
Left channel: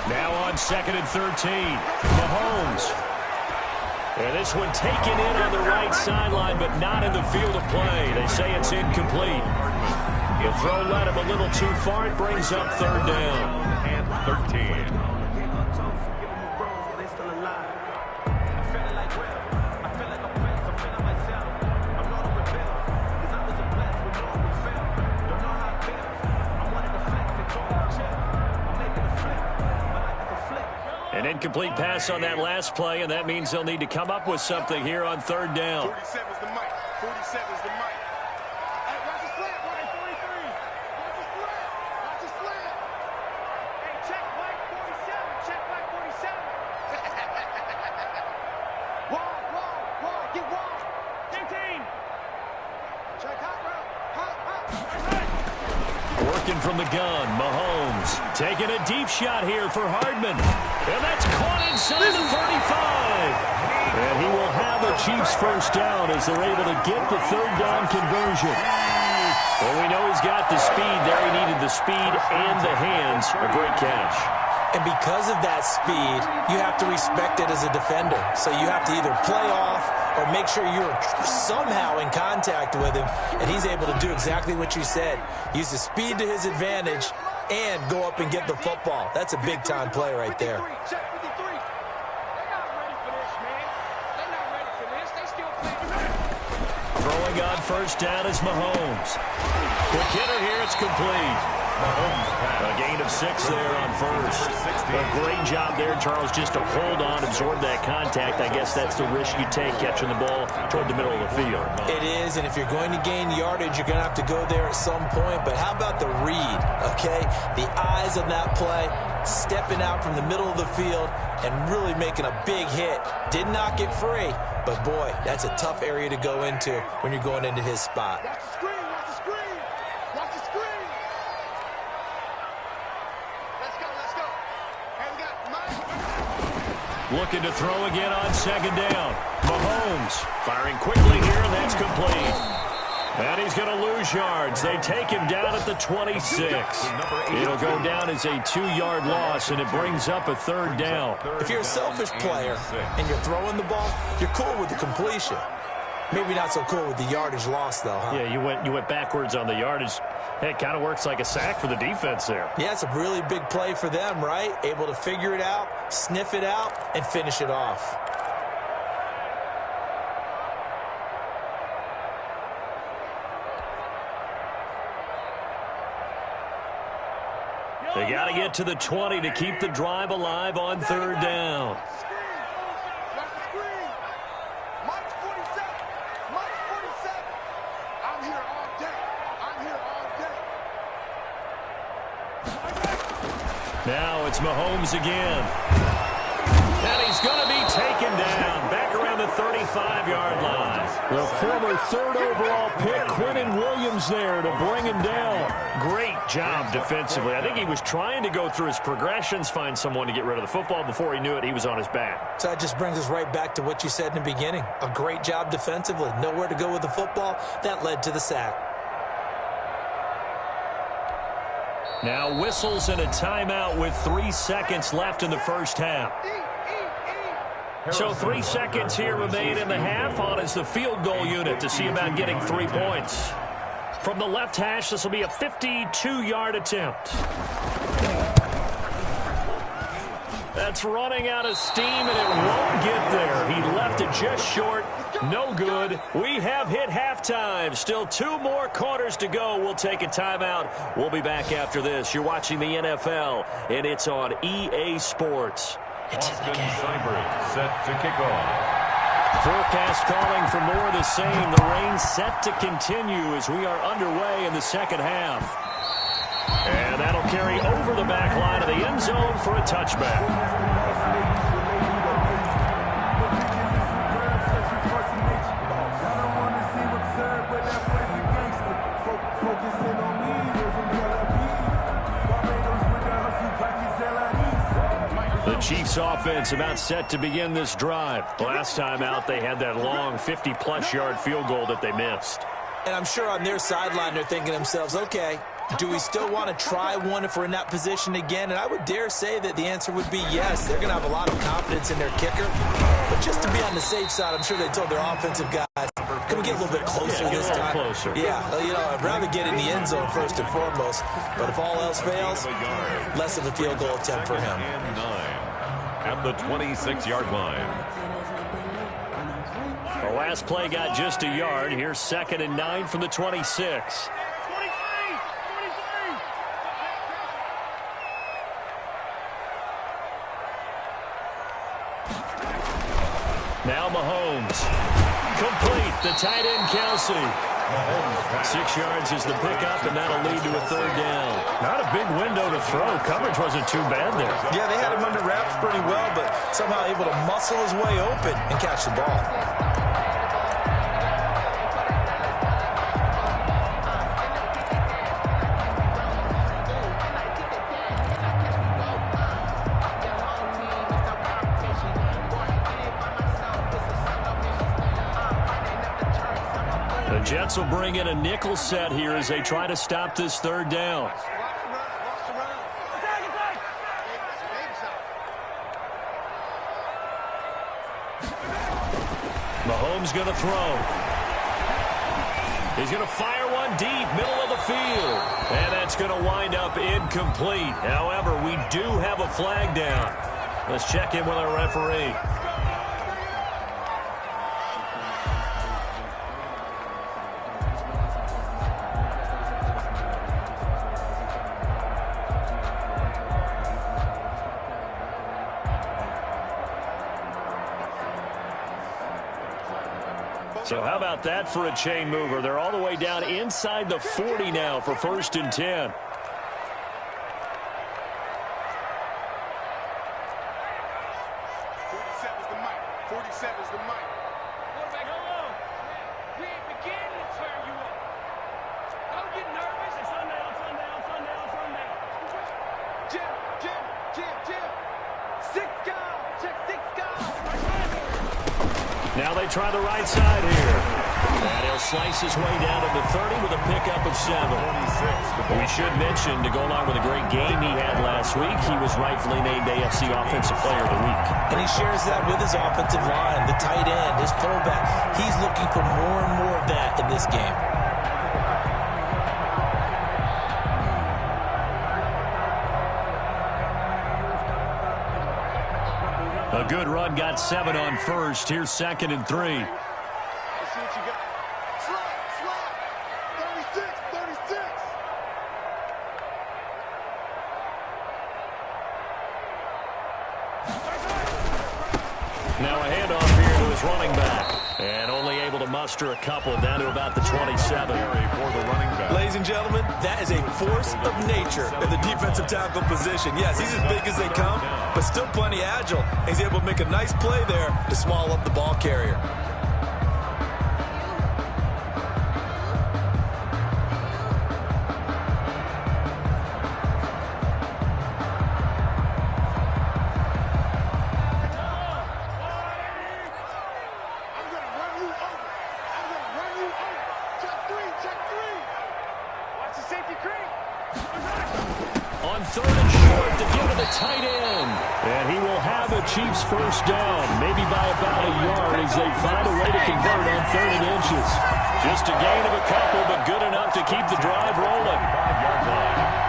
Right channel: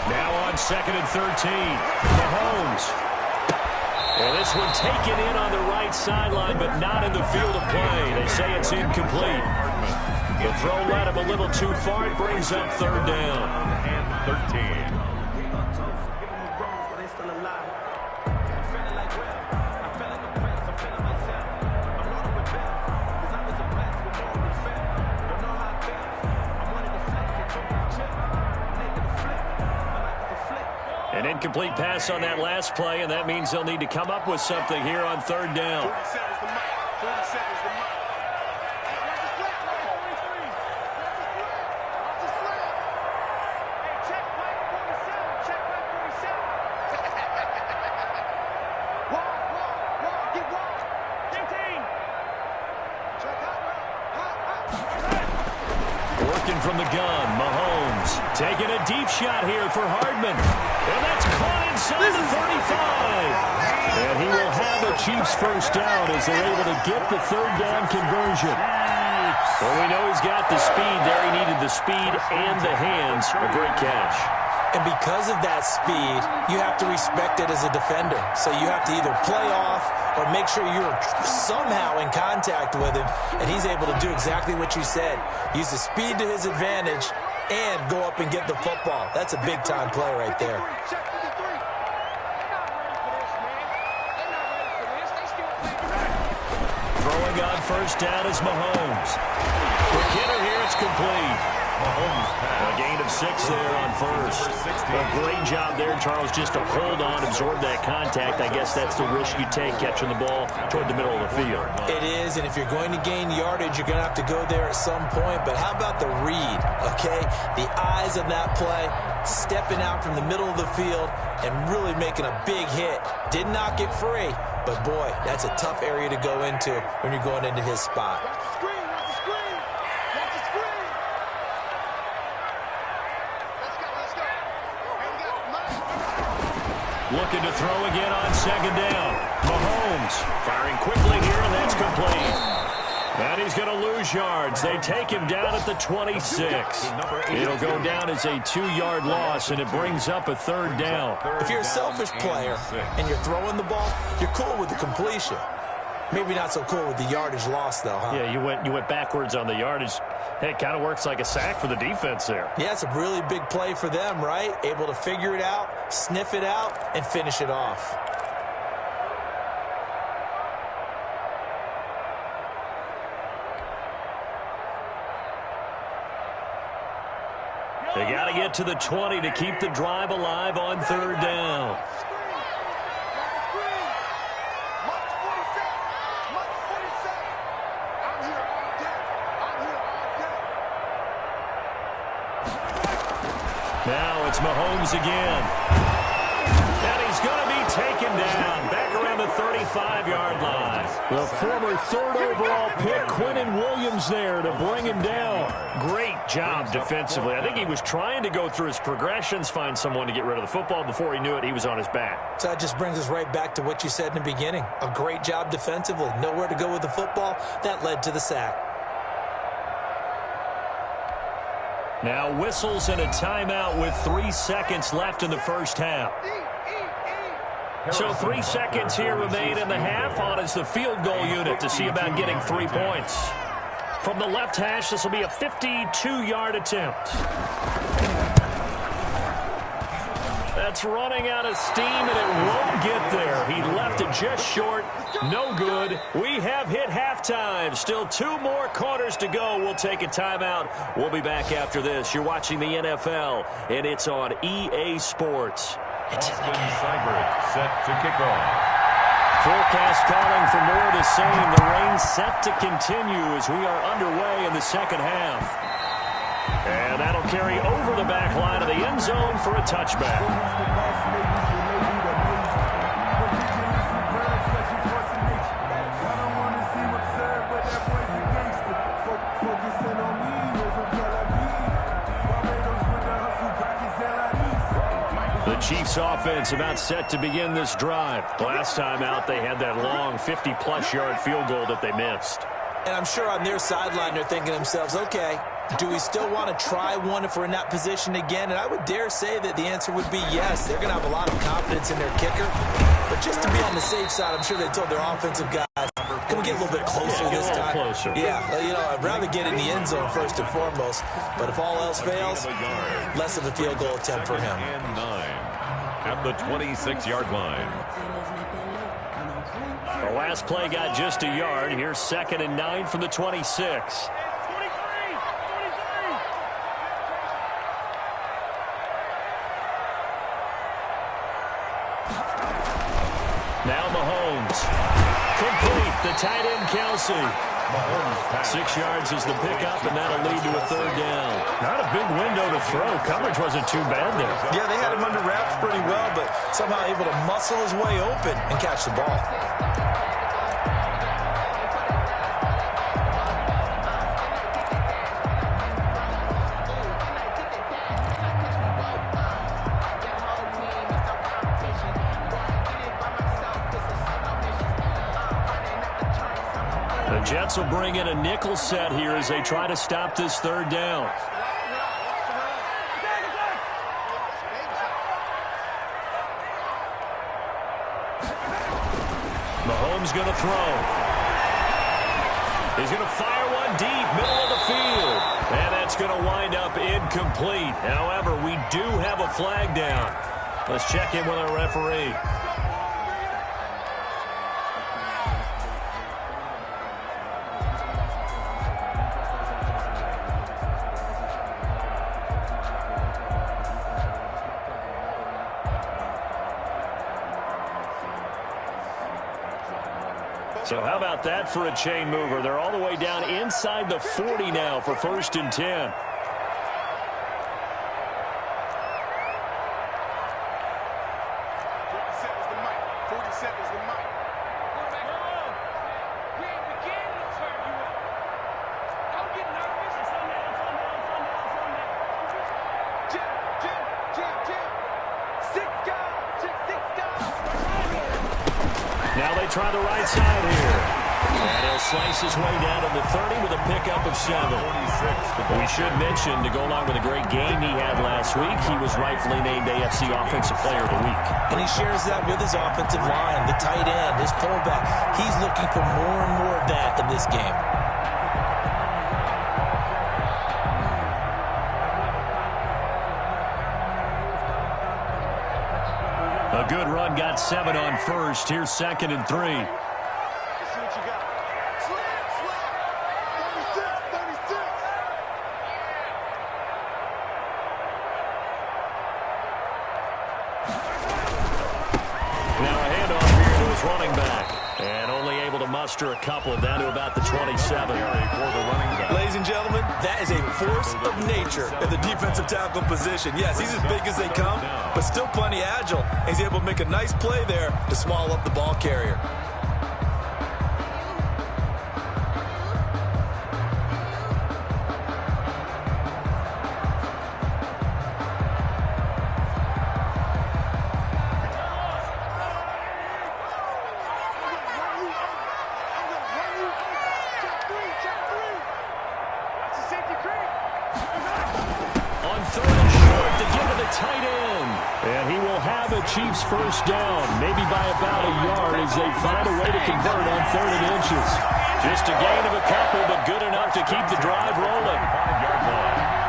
Now on 2nd and 13, Mahomes. And this one taken in on the right sideline, but not in the field of play. They say it's incomplete. The throw led him a little too far. It brings up 3rd down. And 13. An incomplete pass on that last play, and that means they'll need to come up with something here on 3rd down. 47's the mic. 47's the mic. Hey, watch the slant, Ryan. 43. Watch the slant. Watch the slant. Hey, check Mike 47. Check Mike 47. Wide. Get wide. 15. Check hot route. Hot. Working from the gun, Mahomes. Taking a deep shot here for Hardman. And that's caught inside the 35. And he will have a Chiefs first down as they're able to get the 3rd down conversion. Well, we know he's got the speed there. He needed the speed and the hands. A great catch. And because of that speed, you have to respect it as a defender. So you have to either play off or make sure you're somehow in contact with him. And he's able to do exactly what you said. Use the speed to his advantage and go up and get the football. That's a big-time play right there. Check 53. They're not ready for this, man. They're not ready for this. They still playing. Throwing on first down is Mahomes. Quick hitter here. It's complete. A gain of 6 there on first. A great job there, Charles, just to hold on, absorb that contact. I guess that's the risk you take, catching the ball toward the middle of the field. It is, and if you're going to gain yardage, you're going to have to go there at some point. But how about the read, okay? The eyes of that play, stepping out from the middle of the field and really making a big hit. Did not get free, but boy, that's a tough area to go into when you're going into his spot. Watch the screen, watch the screen, watch the screen. Let's go. Hey, we got Mike. Looking to throw again on second down. Mahomes firing quickly here, and that's complete. And he's going to lose yards. They take him down at the 26. It'll go down as a 2-yard loss, and it brings up a third down. If you're a selfish player and you're throwing the ball, you're cool with the completion. Maybe not so cool with the yardage loss, though, huh? Yeah, you went backwards on the yardage. Hey, it kind of works like a sack for the defense there. Yeah, it's a really big play for them, right? Able to figure it out, sniff it out, and finish it off. They got to get to the 20 to keep the drive alive on third down. Now it's Mahomes again. And he's going to be taken down back around the 35-yard line. The former third overall pick, Quinnen Williams, there to bring him down. Great job defensively. I think he was trying to go through his progressions, find someone to get rid of the football. Before he knew it, he was on his back. So that just brings us right back to what you said in the beginning. A great job defensively. Nowhere to go with the football. That led to the sack. Now whistles and a timeout with 3 seconds left in the first half. So 3 seconds here remain in the half. On is the field goal unit to see about getting 3 points. From the left hash, this will be a 52-yard attempt. That's running out of steam, and it won't get there. He left it just short. No good. We have hit halftime. Still 2 more quarters to go. We'll take a timeout. We'll be back after this. You're watching the NFL, and it's on EA Sports. It's Austin Seibert set to kick off. Forecast calling for more of the same. The rain set to continue as we are underway in the second half. And that'll carry over the back line of the end zone for a touchback. The Chiefs offense about set to begin this drive. Last time out, they had that long 50-plus yard field goal that they missed. And I'm sure on their sideline they're thinking to themselves, okay, do we still want to try one if we're in that position again? And I would dare say that the answer would be yes. They're going to have a lot of confidence in their kicker. But just to be on the safe side, I'm sure they told their offensive guys, can we get a little bit closer this time? Closer. Yeah, you know, I'd rather get in the end zone first and foremost. But if all else fails, less of a field goal attempt for him. And 9 at the 26-yard line. The last play got just a yard. Here's 2nd and 9 from the 26. Now Mahomes. Complete. The tight end, Kelsey. 6 yards is the pickup, and that'll lead to a third down. Not a big window to throw. Coverage wasn't too bad there. Yeah, they had him under wraps pretty well, but somehow able to muscle his way open and catch the ball. The Jets will bring in a nickel set here as they try to stop this third down. Mahomes going to throw. He's going to fire one deep, middle of the field. And that's going to wind up incomplete. However, we do have a flag down. Let's check in with our referee. So how about that for a chain mover? They're all the way down inside the 40 now for 1st and 10. 47's the mic. 47's the mic. Quarterback, we ain't beginning to turn you up. Don't get nervous. It's Sunday. Jim. 6 guys. Check 6 guys. Now they try the right side here. And he'll slice his way down to the 30 with a pickup of 7. We should mention, to go along with a great game he had last week, he was rightfully named AFC Offensive Player of the Week. And he shares that with his offensive line, the tight end, his fullback. He's looking for more and more of that in this game. A good run, got 7 on 1st. Here's 2nd and 3. Let's see what you got. Slap. 36. Now a handoff here to his running back. And only able to muster a couple down to about the 27. Ladies and gentlemen, that is a force of nature in the defensive tackle position. Yes, he's as big as they come, but still plenty agile. He's able to make a nice play there to swallow up the ball carrier. On 3rd and short to give to the tight end. And he will have a Chiefs first down, maybe by about a yard as they find a way to convert on 3rd and inches. Just a gain of a couple, but good enough to keep the drive rolling. 5-yard line.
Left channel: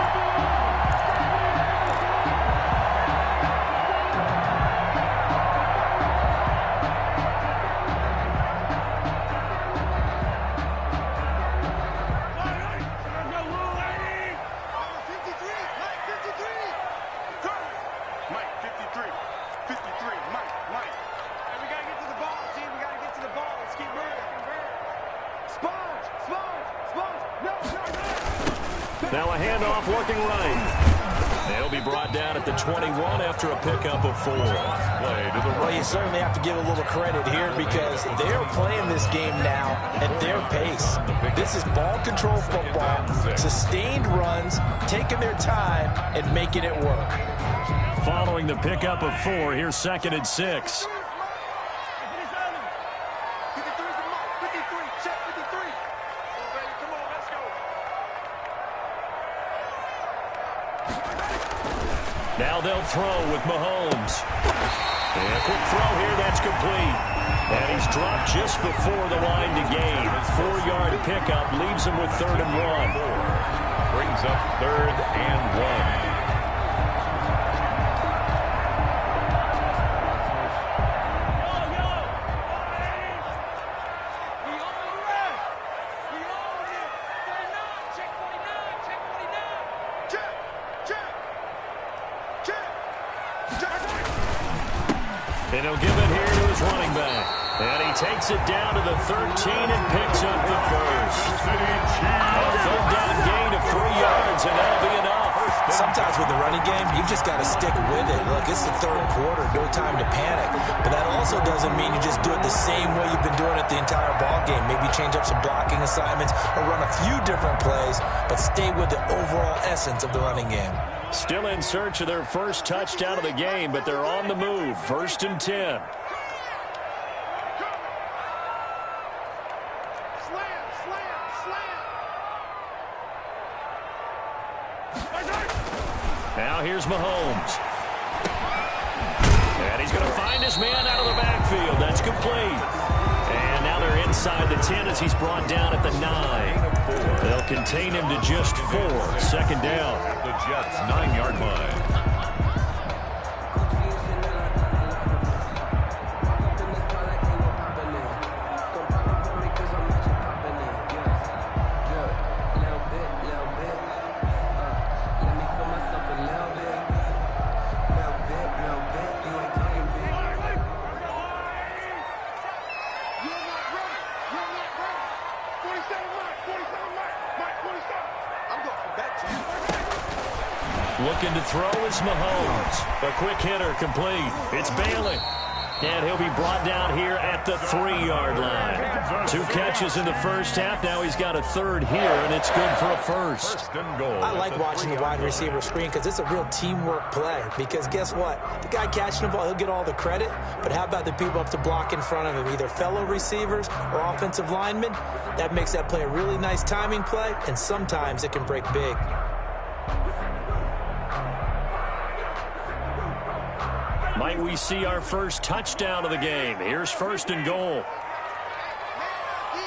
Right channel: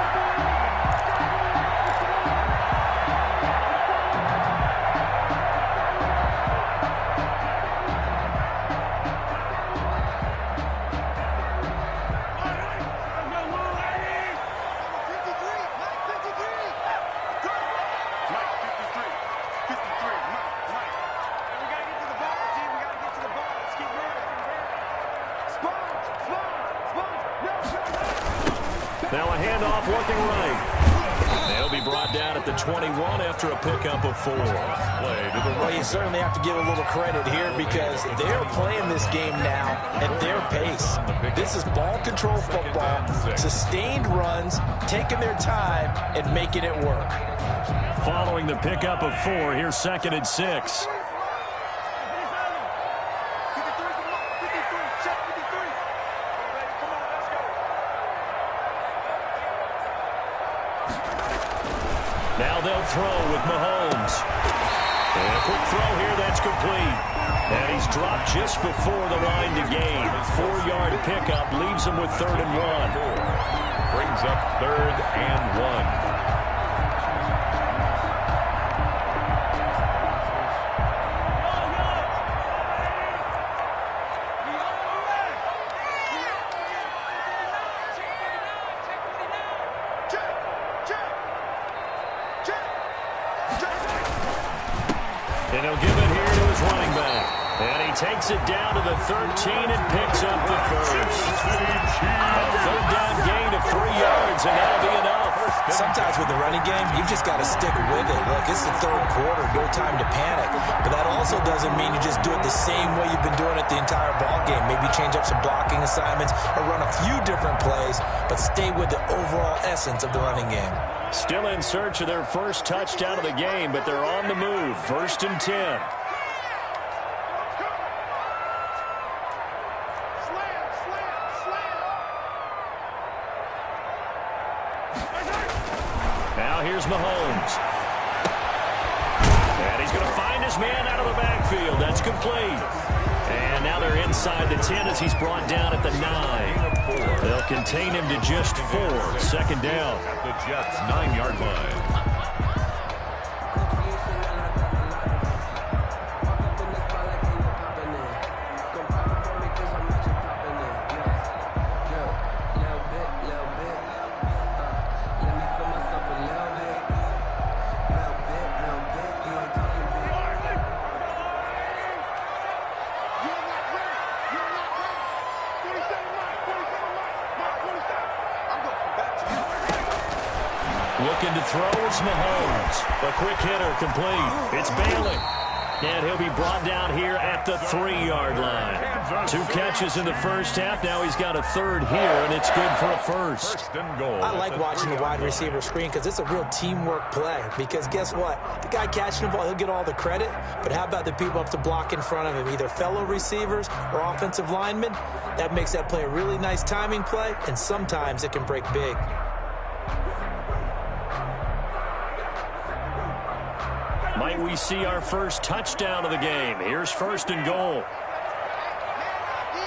Now a handoff looking right. They'll be brought down at the 21 after a pickup of 4. Well, you certainly have to give a little credit here because they're playing this game now at their pace. This is ball control football, sustained runs, taking their time and making it work. Following the pickup of 4, here's 2nd and 6. Now they'll throw with Mahomes. And a quick throw here, that's complete. And he's dropped just before the line to gain. 4-yard pickup leaves him with 3rd and 1. Brings up 3rd and 1. And he'll give it here to his running back. And he takes it down to the 13 and picks up the first. A 3rd down gain of 3 yards, and that'll be enough. Sometimes with the running game, you've just got to stick with it. Look, it's the 3rd quarter, no time to panic. But that also doesn't mean you just do it the same way you've been doing it the entire ball game. Maybe change up some blocking assignments or run a few different plays, but stay with the overall essence of the running game. Still in search of their first touchdown of the game, but they're on the move. 1st and 10. Now here's Mahomes. And he's going to find his man out of the backfield. That's complete. And now they're inside the 10 as he's brought down at the 9. They'll contain him to just 4. 2nd down. At the Jets' 9-yard line. Mike. 47 Mike. Mike 47. I'm going to come back to you. Looking to throw is Mahomes. A quick hitter complete. It's Bailey. And he'll be brought down here at the 3-yard line. 2 catches in the first half. Now he's got a third here, and it's good for a first. First and goal. I like watching the wide receiver screen because it's a real teamwork play. Because guess what? The guy catching the ball, he'll get all the credit. But how about the people up to block in front of him, either fellow receivers or offensive linemen? That makes that play a really nice timing play, and sometimes it can break big. Might we see our first touchdown of the game? Here's first and goal. Man up, D.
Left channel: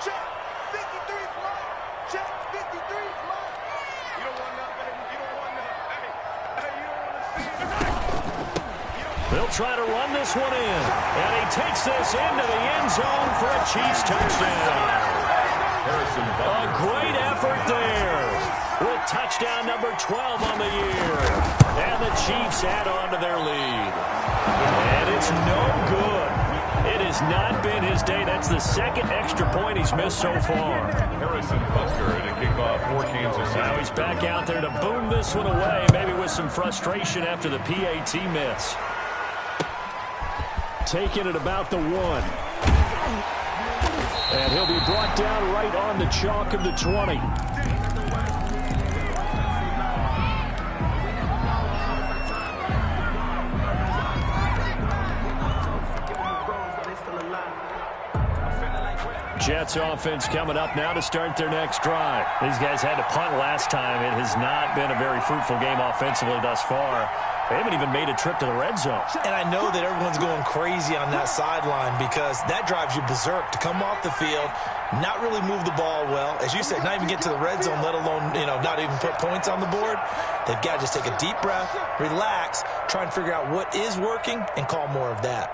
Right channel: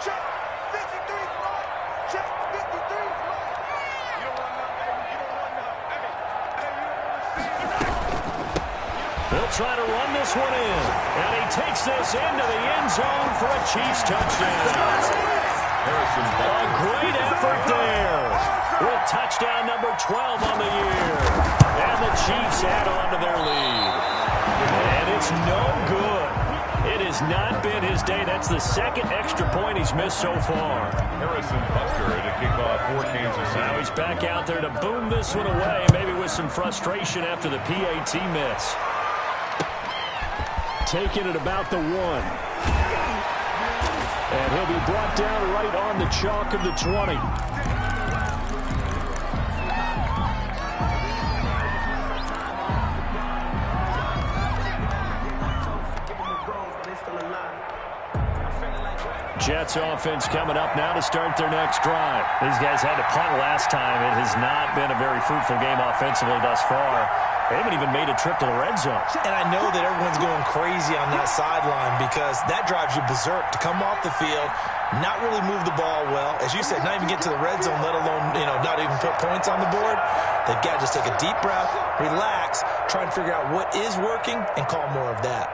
Check. 53's Mike. Check. 53's Mike. You don't want none, baby. You don't want none. Hey, you don't want to see it. They'll try to run this one in. And he takes this into the end zone for a Chiefs touchdown. Harrison A great effort there. With touchdown number 12 on the year. And the Chiefs add on to their lead. And it's no good. It has not been his day. That's the second extra point he's missed so far. Harrison Buster to kick off for Kansas City. Now he's back out there to boom this one away, maybe with some frustration after the PAT miss. Taking it about the 1. And he'll be brought down right on the chalk of the 20. Jets offense coming up now to start their next drive. These guys had to punt last time. It has not been a very fruitful game offensively thus far. They haven't even made a trip to the red zone. And I know that everyone's going crazy on that sideline because that drives you berserk to come off the field, not really move the ball well. As you said, not even get to the red zone, let alone, not even put points on the board. They've got to just take a deep breath, relax, try and figure out what is working, and call more of that.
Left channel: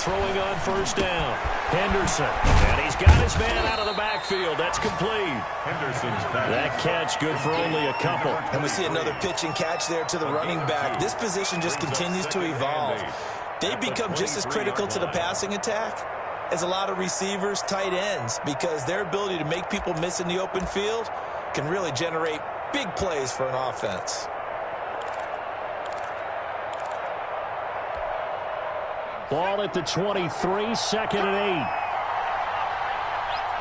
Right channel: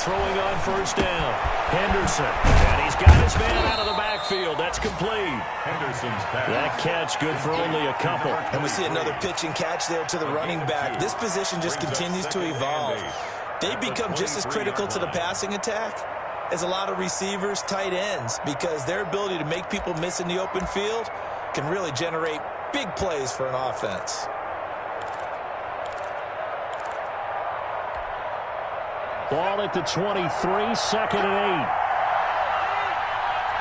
Throwing on first down. Henderson. And he's got his man out of the backfield. That's complete. Henderson's pass. That catch good for only a couple. And we see another pitch and catch there to the running back. This position just continues to evolve. They become just as critical to the passing attack as a lot of receivers, tight ends, because their ability to make people miss in the open field can really generate big plays for an offense. Ball at the 23, 2nd and 8.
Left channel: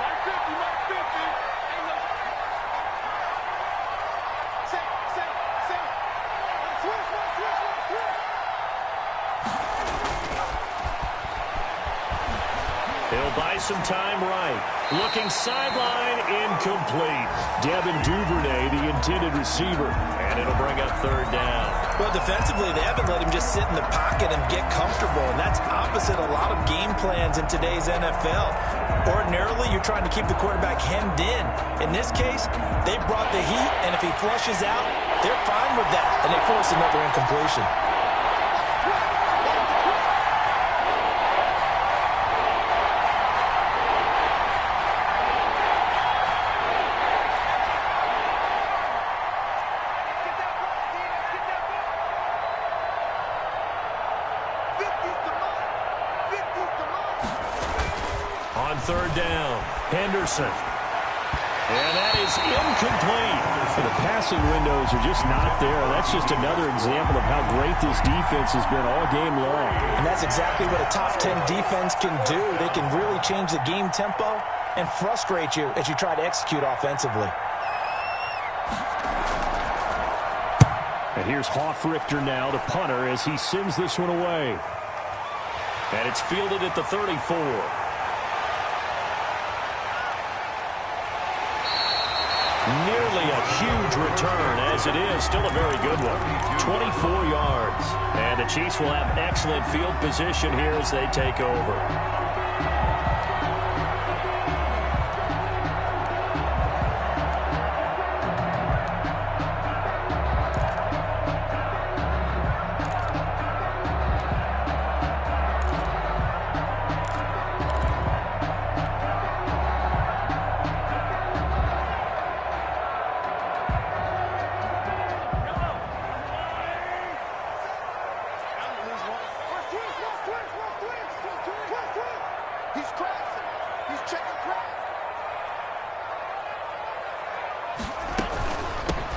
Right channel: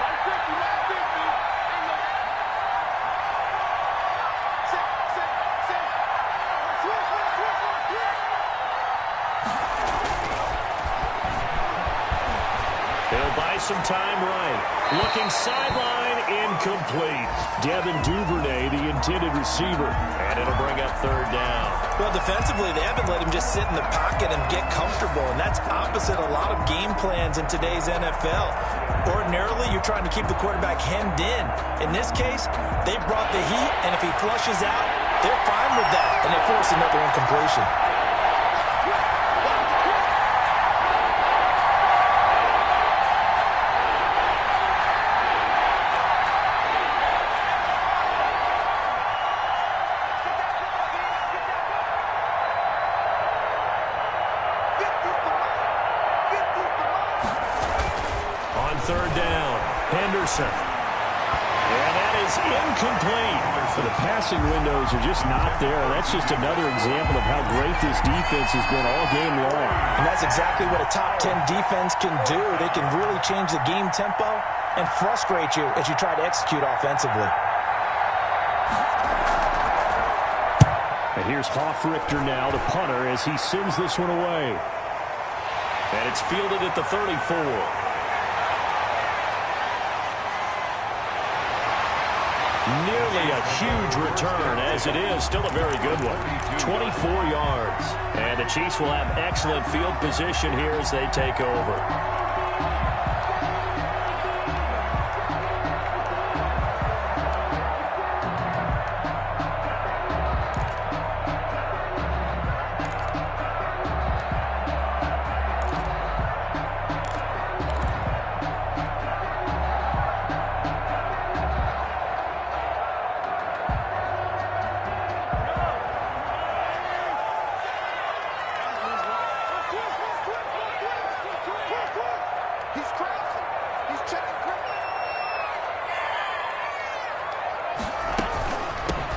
Mike 50, Mike 50. Ain't no... Say. Switch. He'll buy some time right. Looking sideline, incomplete. Devin Duvernay, the intended receiver. And it'll bring up 3rd down. Well, defensively, they haven't let him just sit in the pocket and get comfortable, and that's opposite a lot of game plans in today's NFL. Ordinarily, you're trying to keep the quarterback hemmed in. In this case, they brought the heat, and if he flushes out, they're fine with that, and they force another incompletion. On 3rd down, Henderson. And that is incomplete. So the passing windows are just not there. That's just another example of how great this defense has been all game long. And that's exactly what a top 10 defense can do. They can really change the game tempo and frustrate you as you try to execute offensively. And here's Hoffrichter now, the punter, as he sends this one away. And it's fielded at the 34. Nearly a huge return, as it is still a very good one. 24 yards. And the Chiefs will have excellent field position here as they take over. Twist.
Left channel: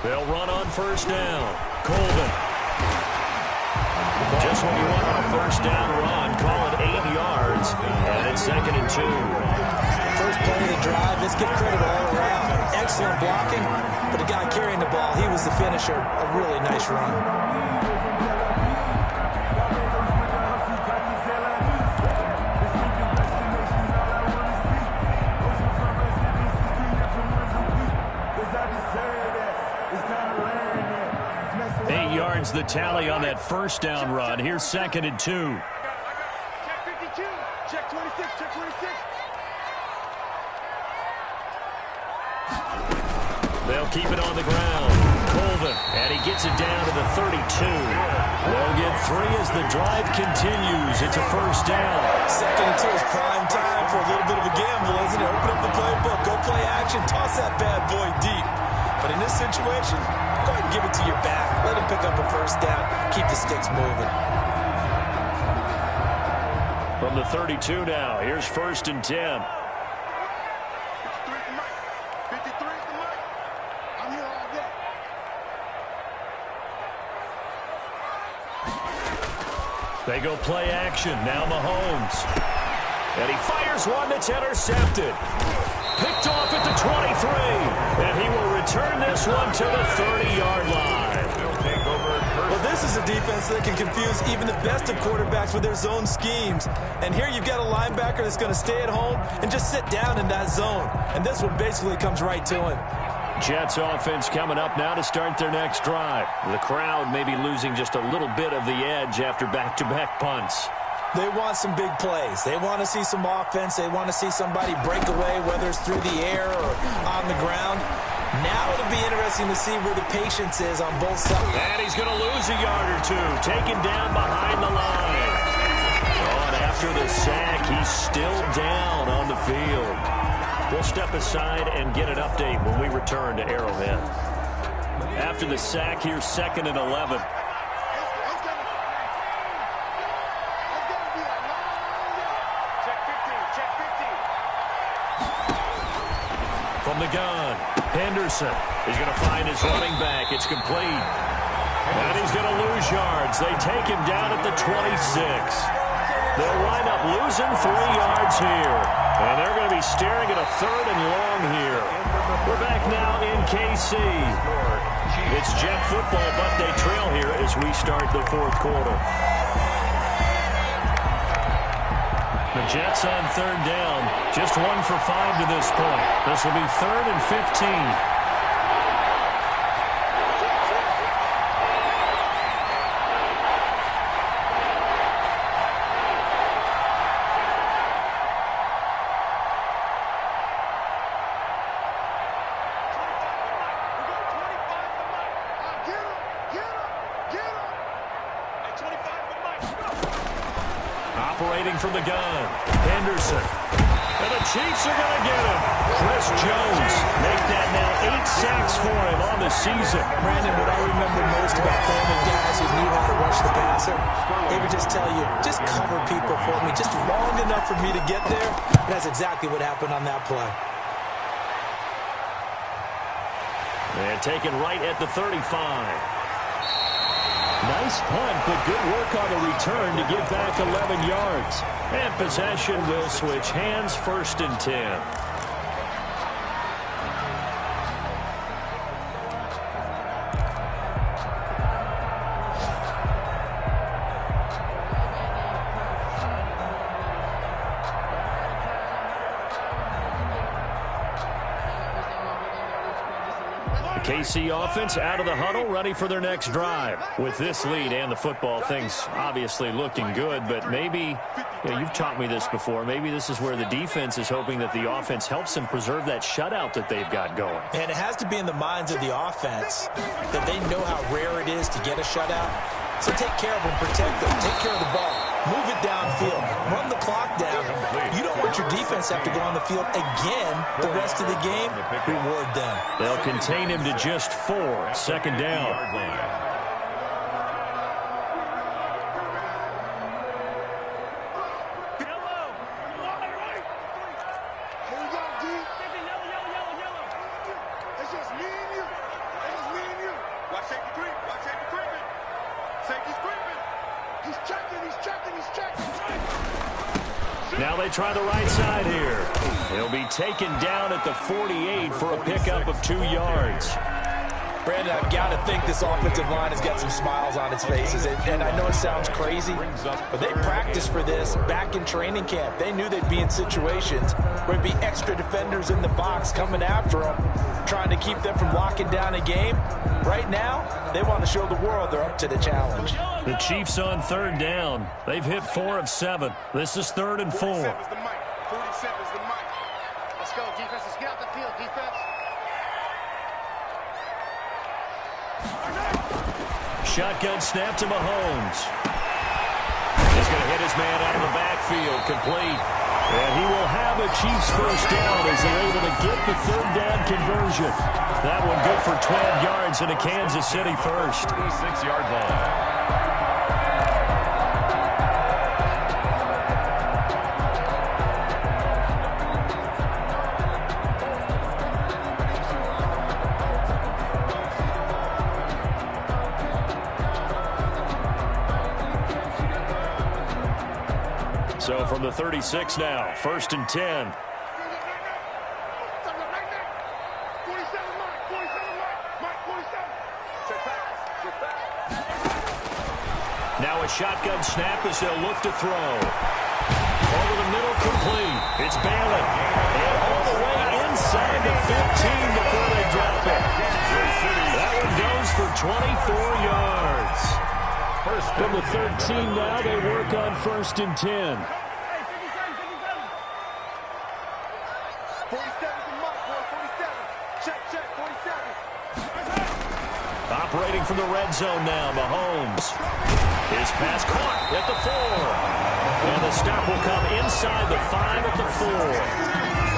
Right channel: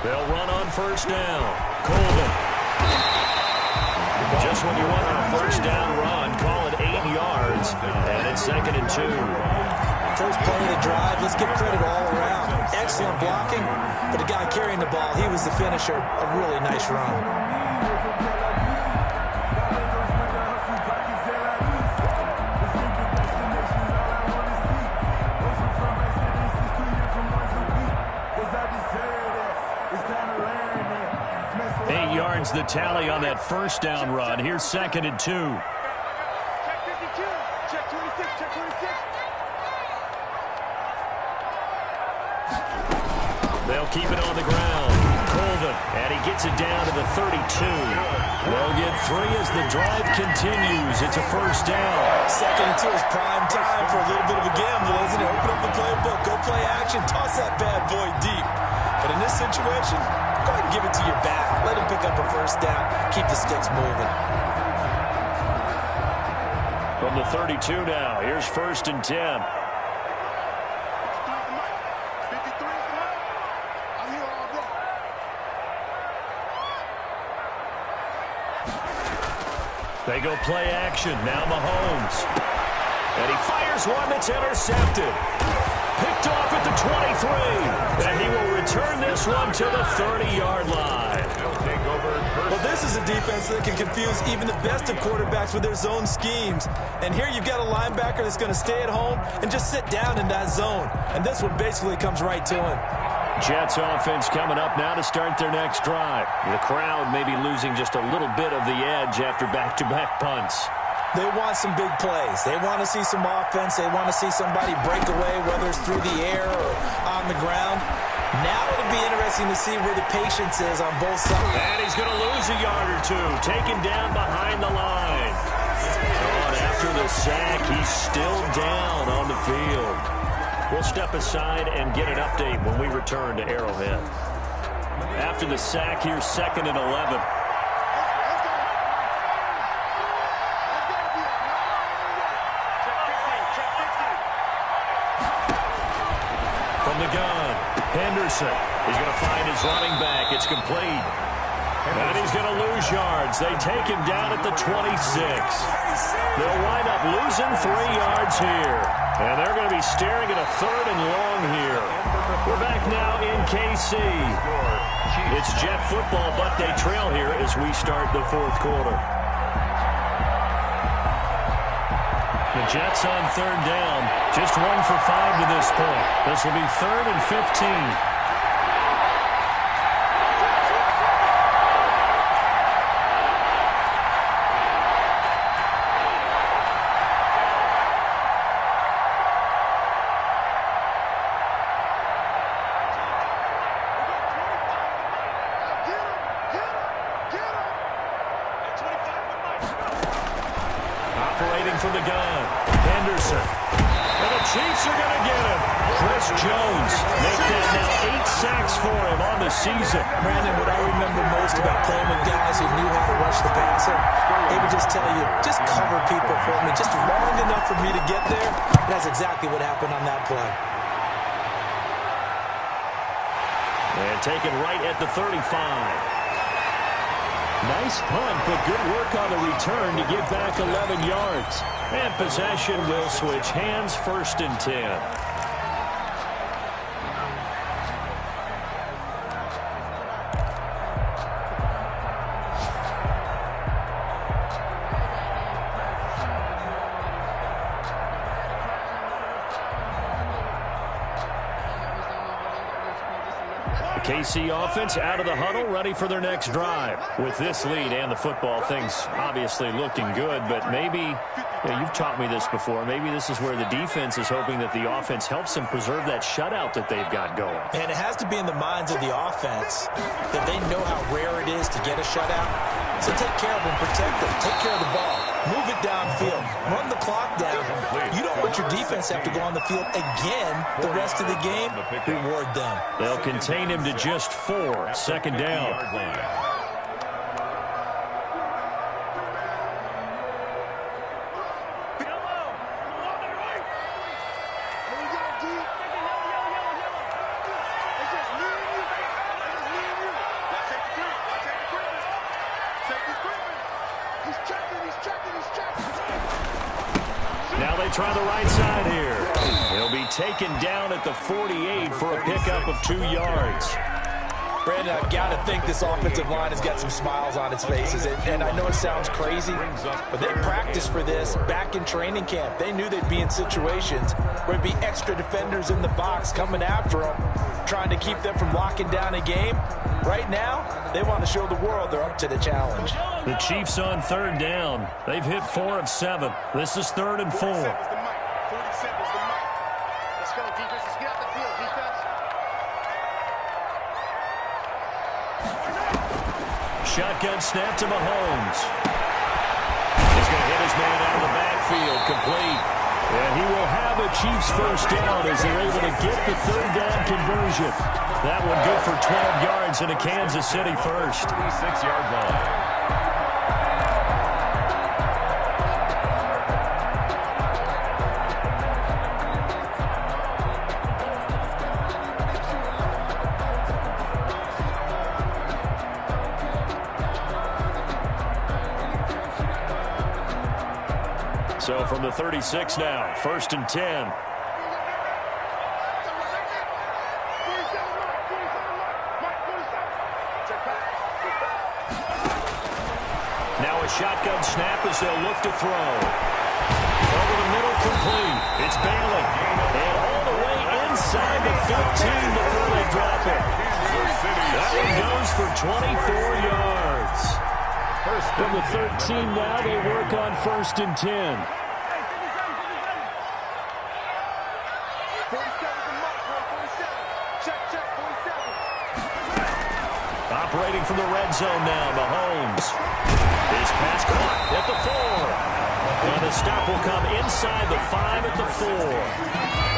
They'll run on first down. Colvin. Just when you want on a first down run, call it 8 yards, and it's 2nd and 2. First play of the drive, let's give credit all around. Excellent blocking, but the guy carrying the ball, he was the finisher. A really nice run. The tally on that first down run. Here's 2nd and 2. Check 52. Check 26. Check 26. They'll keep it on the ground. Colvin, and he gets it down to the 32. They'll get 3 as the drive continues. It's a first down. 2nd and 2 is prime time for a little bit of a gamble, isn't it? Open up the playbook. Go play action. Toss that bad boy deep. But in this situation, go ahead and give it to your back. Let him pick up a first down. Keep the sticks moving. From the 32 now, here's 1st and 10. 53 is the mic. 53 is the mic. I'm here all day. They go play action. Now Mahomes. And he fires one that's intercepted. Picked off at the 23. And he will return this one to the 30-yard line. Well, this is a defense that can confuse even the best of quarterbacks with their zone schemes. And here you've got a linebacker that's going to stay at home and just sit down in that zone. And this one basically comes right to him. Jets offense coming up now to start their next drive. The crowd may be losing just a little bit of the edge after back-to-back punts. They want some big plays. They want to see some offense. They want to see somebody break away, whether it's through the air or on the ground. Now it'll be interesting to see where the patience is on both sides. And he's going to lose a yard or two, taken down behind the line. Oh, and after the sack, he's still down on the field. We'll step aside and get an update when we return to Arrowhead. After the sack, here's 2nd and 11. From the gun, Henderson. He's going to find his running back. It's complete. And he's going to lose yards. They take him down at the 26. They'll wind up losing 3 yards here. And they're going to be staring at a 3rd and long here. We're back now in KC. It's Jet football, but they trail here as we start the 4th quarter. The Jets on 3rd down. Just 1 for 5 to this point. This will be 3rd and 15. Operating from the gun, Henderson. And the Chiefs are going to get him. Chris Jones make that now 8 sacks for him on the season. Brandon, what I remember most about playing with guys who knew how to rush the passer, they would just tell you, just cover people for me, just long enough for me to get there. And that's exactly what happened on that play. And taken right at the 35. Nice punt, but good work on the return to give back 11 yards. And possession will switch hands, 1st and 10. KC offense out of the huddle, ready for their next drive. With this lead and the football, things obviously looking good, but maybe, you've taught me this before, maybe this is where the defense is hoping that the offense helps them preserve that shutout that they've got going. And it has to be in the minds of the offense that they know how rare it is to get a shutout. So take care of them, protect them, take care of the ball, move it downfield, run the clock down. You don't want your defense to have to go on the field again the rest of the game. Reward them. They'll contain him to just 4, 2nd down. Now they try the right side here. He'll be taken down at the 48 for a pickup of 2 yards. Brandon, I've got to think this offensive line has got some smiles on its faces. And I know it sounds crazy, but they practiced for this back in training camp. They knew they'd be in situations where there'd be extra defenders in the box coming after them, trying to keep them from locking down a game. Right now, they want to show the world they're up to the challenge. The Chiefs on 3rd down. They've hit 4 of 7. This is 3rd and 4. 47 is the mic. 47 is the mic. Let's go, defense. Let's get out the field, defense. Shotgun snap to Mahomes. He's going to hit his man out of the backfield, complete. And he will have a Chiefs first down as they're able to get the 3rd down conversion. That one good for 12 yards and a Kansas City first. 36-yard line. So from the 36 now, 1st and 10. 47 Mike. 47 Mike. 47. Check pass. Check pass. Now a shotgun snap as they'll look to throw. Over the middle, complete. It's Bailey. And all the way inside the 15 before they drop it. That one goes for 24 yards. From the 13 now, they work on 1st and 10. 47 Mike. 47. Check. 47. Operating from the red zone now, Mahomes. His pass caught at the 4. And the stop will come inside the 5 at the 4.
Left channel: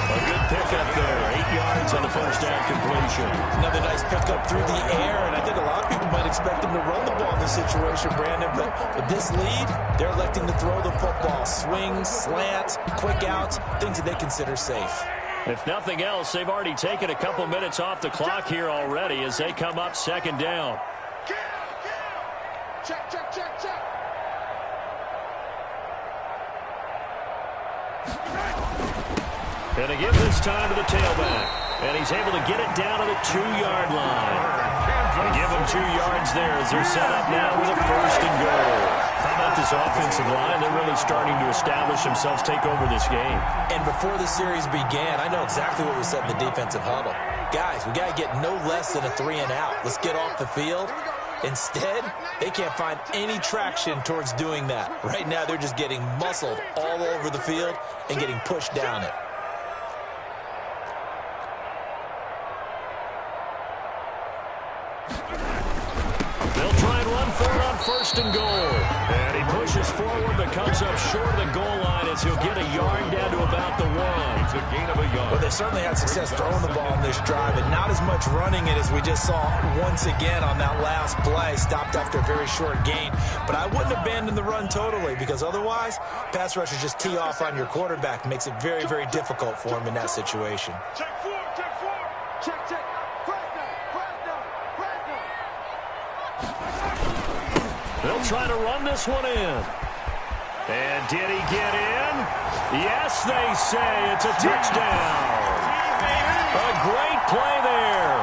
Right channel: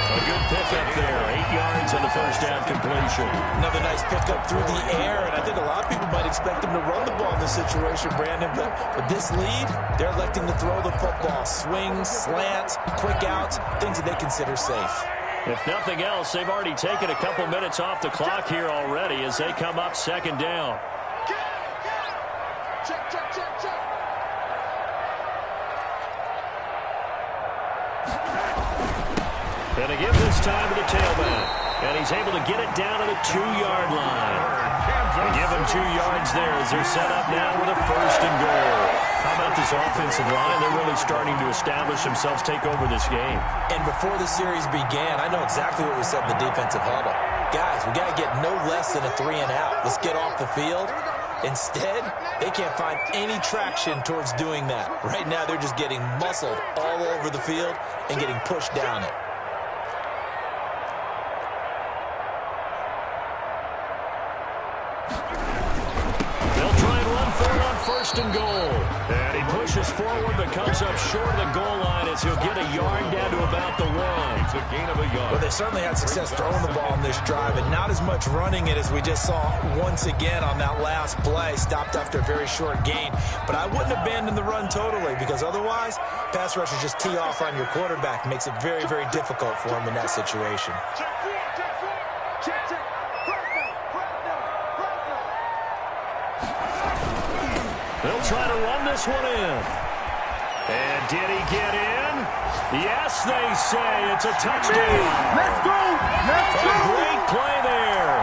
A good pickup there. 8 yards on the first down completion. Another nice pickup through the air, and I think a lot of people might expect them to run the ball in this situation, Brandon, but with this lead, they're electing to throw the football. Swings, slants, quick outs, things that they consider safe. If nothing else, they've already taken a couple minutes off the clock here already as they come up 2nd down. Get him. Check. And they give this time to the tailback. And he's able to get it down to the 2-yard line. They give him 2 yards there as they're set up now with a 1st and goal. How about this offensive line? They're really starting to establish themselves, take over this game. And before the series began, I know exactly what was said in the defensive huddle. Guys, we got to get no less than a 3 and out. Let's get off the field. Instead, they can't find any traction towards doing that. Right now, they're just getting muscled all over the field and getting pushed down it. They'll try and run for it on 1st and goal. And he pushes forward but comes up short of the goal line as he'll get a yard down to about the 1. It's a gain of a yard. Well, they certainly had success throwing the ball on this drive, and not as much running it as we just saw once again on that last play. Stopped after a very short gain. But I wouldn't abandon the run totally, because otherwise, pass rushers just tee off on your quarterback. Makes it very, very difficult for him in that situation. Check. Check. They'll try to run this one in. And did he get in? Yes, they say it's a touchdown. A great play there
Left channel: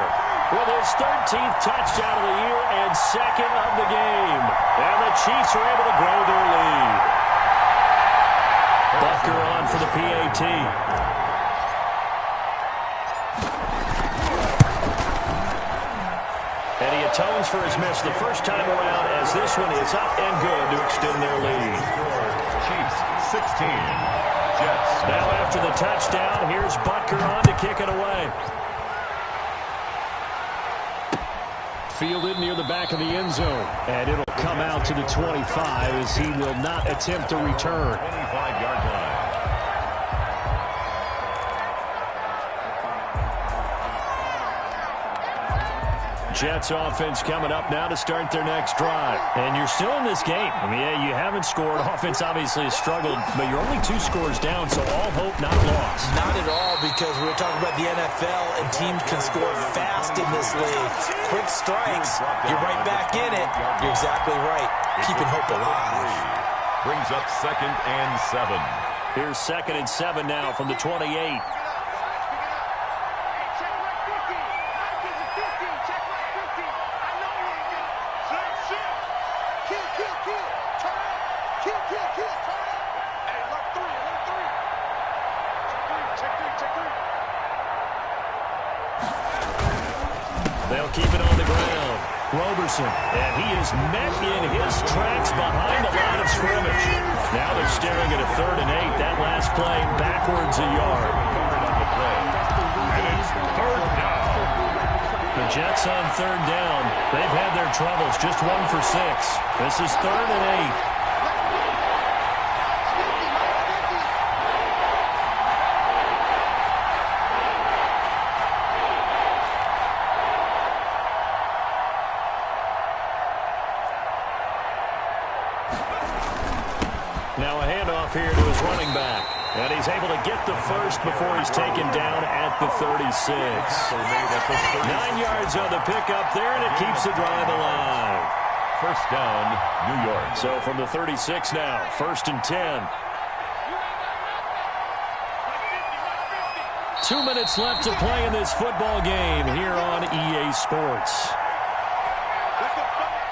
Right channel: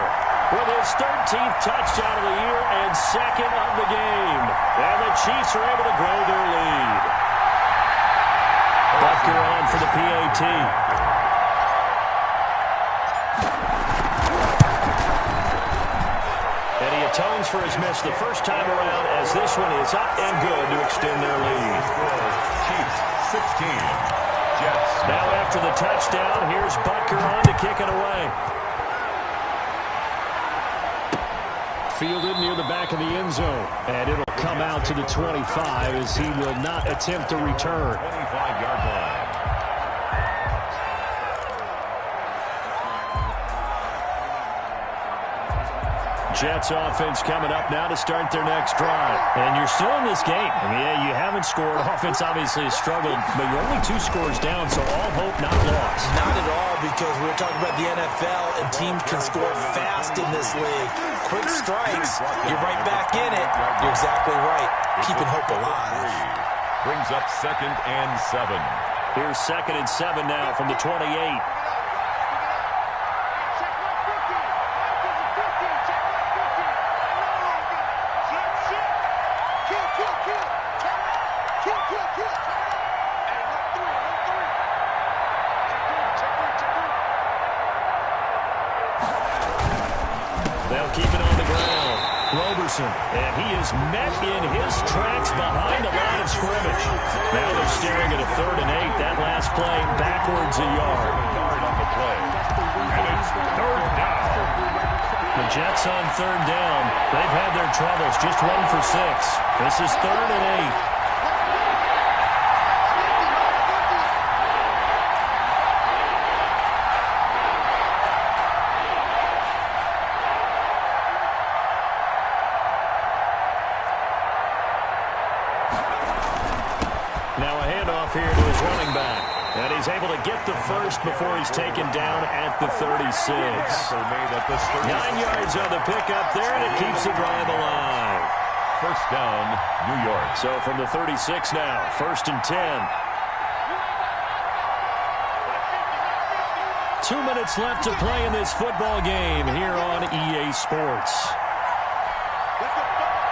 with his 13th touchdown of the year and 2nd of the game. And the Chiefs are able to grow their lead. Butker on for the PAT. And he atones for his miss the first time around as this one is up and good to extend their lead. Chiefs 16. Jets. Now after the touchdown, here's Butker on to kick it away. Fielded near the back of the end zone. And it'll come out to the 25 as he will not attempt to return. 25-yard line. Jets offense coming up now to start their next drive. And you're still in this game. I mean, yeah, you haven't scored. Offense obviously has struggled, but you're only 2 scores down, so all hope not lost. Not at all, because we were talking about the NFL, and teams can score fast in this league. Quick strikes, you're right back in it. You're exactly right. Keeping hope alive. Brings up 2nd and 7. Here's 2nd and 7 now from the 28. They'll keep it on the ground. Roberson, and he is met in his tracks behind the line of scrimmage. Now they're staring at a 3rd and 8. That last play backwards a yard. On the play. And it's 3rd down. The Jets on 3rd down. They've had their troubles. Just 1 for 6. This is 3rd and 8. Now a handoff here to his running back. And he's able to get the first before he's taken down at the 36. 9 yards on the pickup there, and it keeps the drive alive. First down, New York. So from the 36 now, 1st and 10. 2 minutes left to play in this football game here on EA Sports.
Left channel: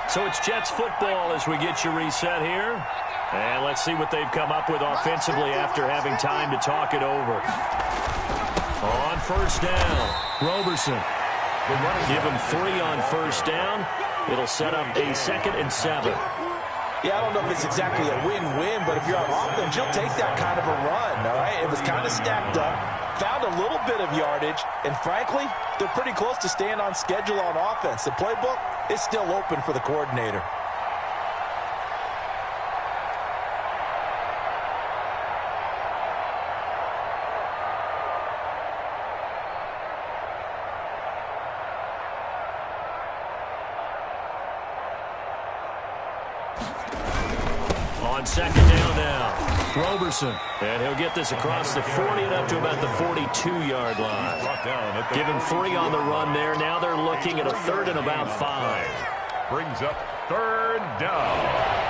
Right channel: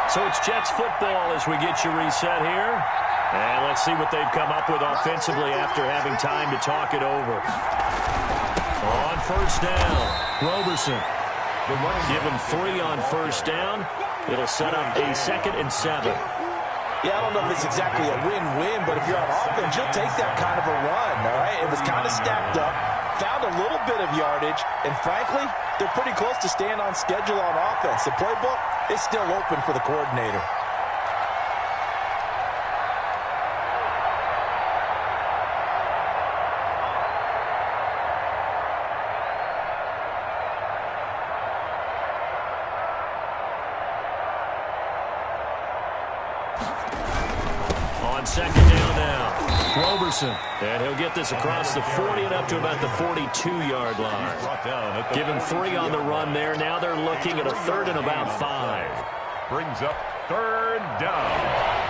So it's Jets football as we get you reset here. And let's see what they've come up with offensively after having time to talk it over. On 1st down, Roberson. Give him 3 on 1st down. It'll set up a 2nd and 7. Yeah, I don't know if it's exactly a win-win, but if you're on offense, you'll take that kind of a run, all right? It was kind of stacked up, found a little bit of yardage, and frankly, they're pretty close to staying on schedule on offense. The playbook is still open for the coordinator. On 2nd down now, Roberson. And he'll get this across the 40 and up to about the 42-yard line. Give him 3 on the run there. Now they're looking at a 3rd and about 5. Brings up 3rd down.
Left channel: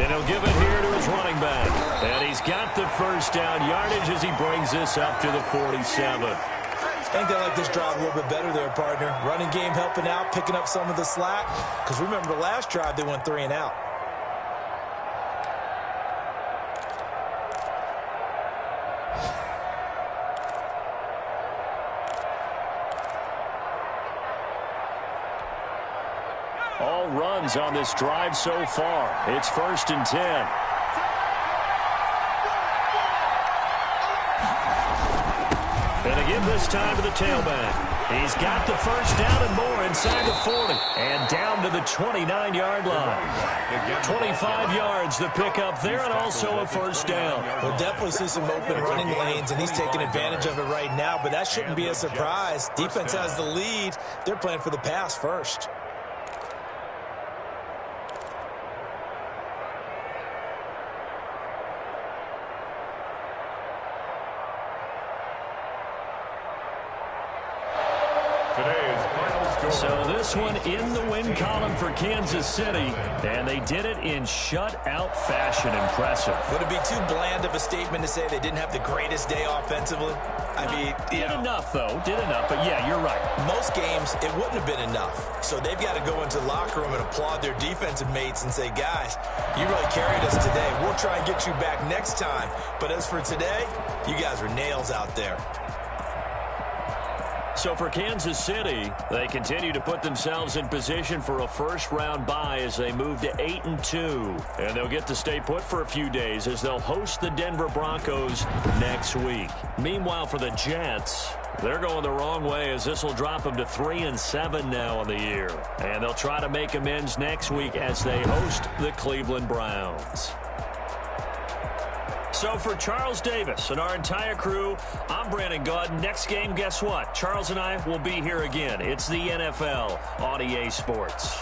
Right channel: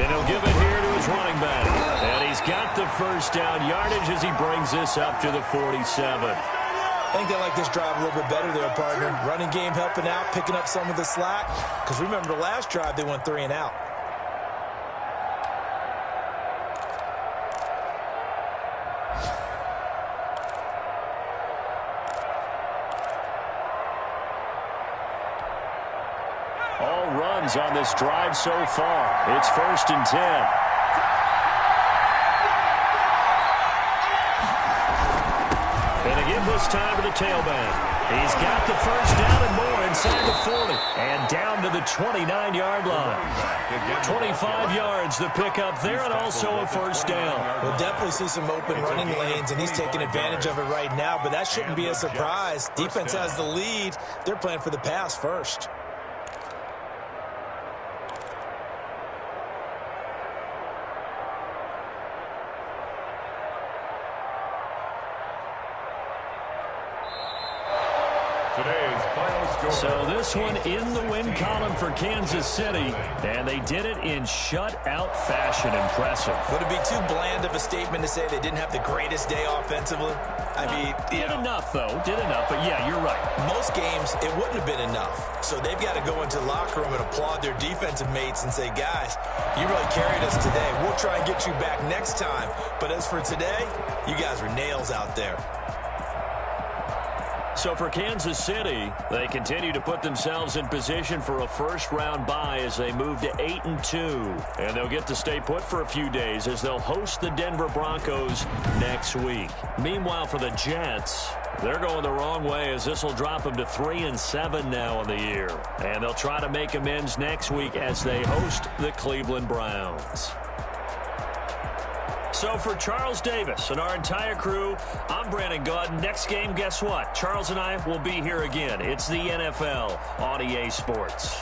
And he'll give it here to his running back. And he's got the first down yardage as he brings this up to the 47. I think they like this drive a little bit better there, partner. Running game helping out, picking up some of the slack. Because remember, the last drive, they went 3 and out. All runs on this drive so far. It's 1st and 10. And again this time to the tailback. He's got the first down and more inside the 40. And down to the 29-yard line. 25 yards the pickup there, and also a first down. We'll definitely see some open running lanes, and he's taking advantage of it right now, but that shouldn't be a surprise. Defense has the lead. They're playing for the pass first. Today's final score. So this one in the win column for Kansas City, and they did it in shutout fashion. Impressive. Would it be too bland of a statement to say they didn't have the greatest day offensively? I mean, did enough, though. Did enough, but yeah, you're right. Most games, it wouldn't have been enough. So they've got to go into the locker room and applaud their defensive mates and say, guys, you really carried us today. We'll try and get you back next time. But as for today, you guys were nails out there. So for Kansas City, they continue to put themselves in position for a first-round bye as they move to 8-2. And they'll get to stay put for a few days as they'll host the Denver Broncos next week. Meanwhile, for the Jets, they're going the wrong way as this will drop them to 3-7 now on the year. And they'll try to make amends next week as they host the Cleveland Browns. So for Charles Davis and our entire crew, I'm Brandon Gaudin. Next game, guess what? Charles and I will be here again. It's the NFL on EA Sports.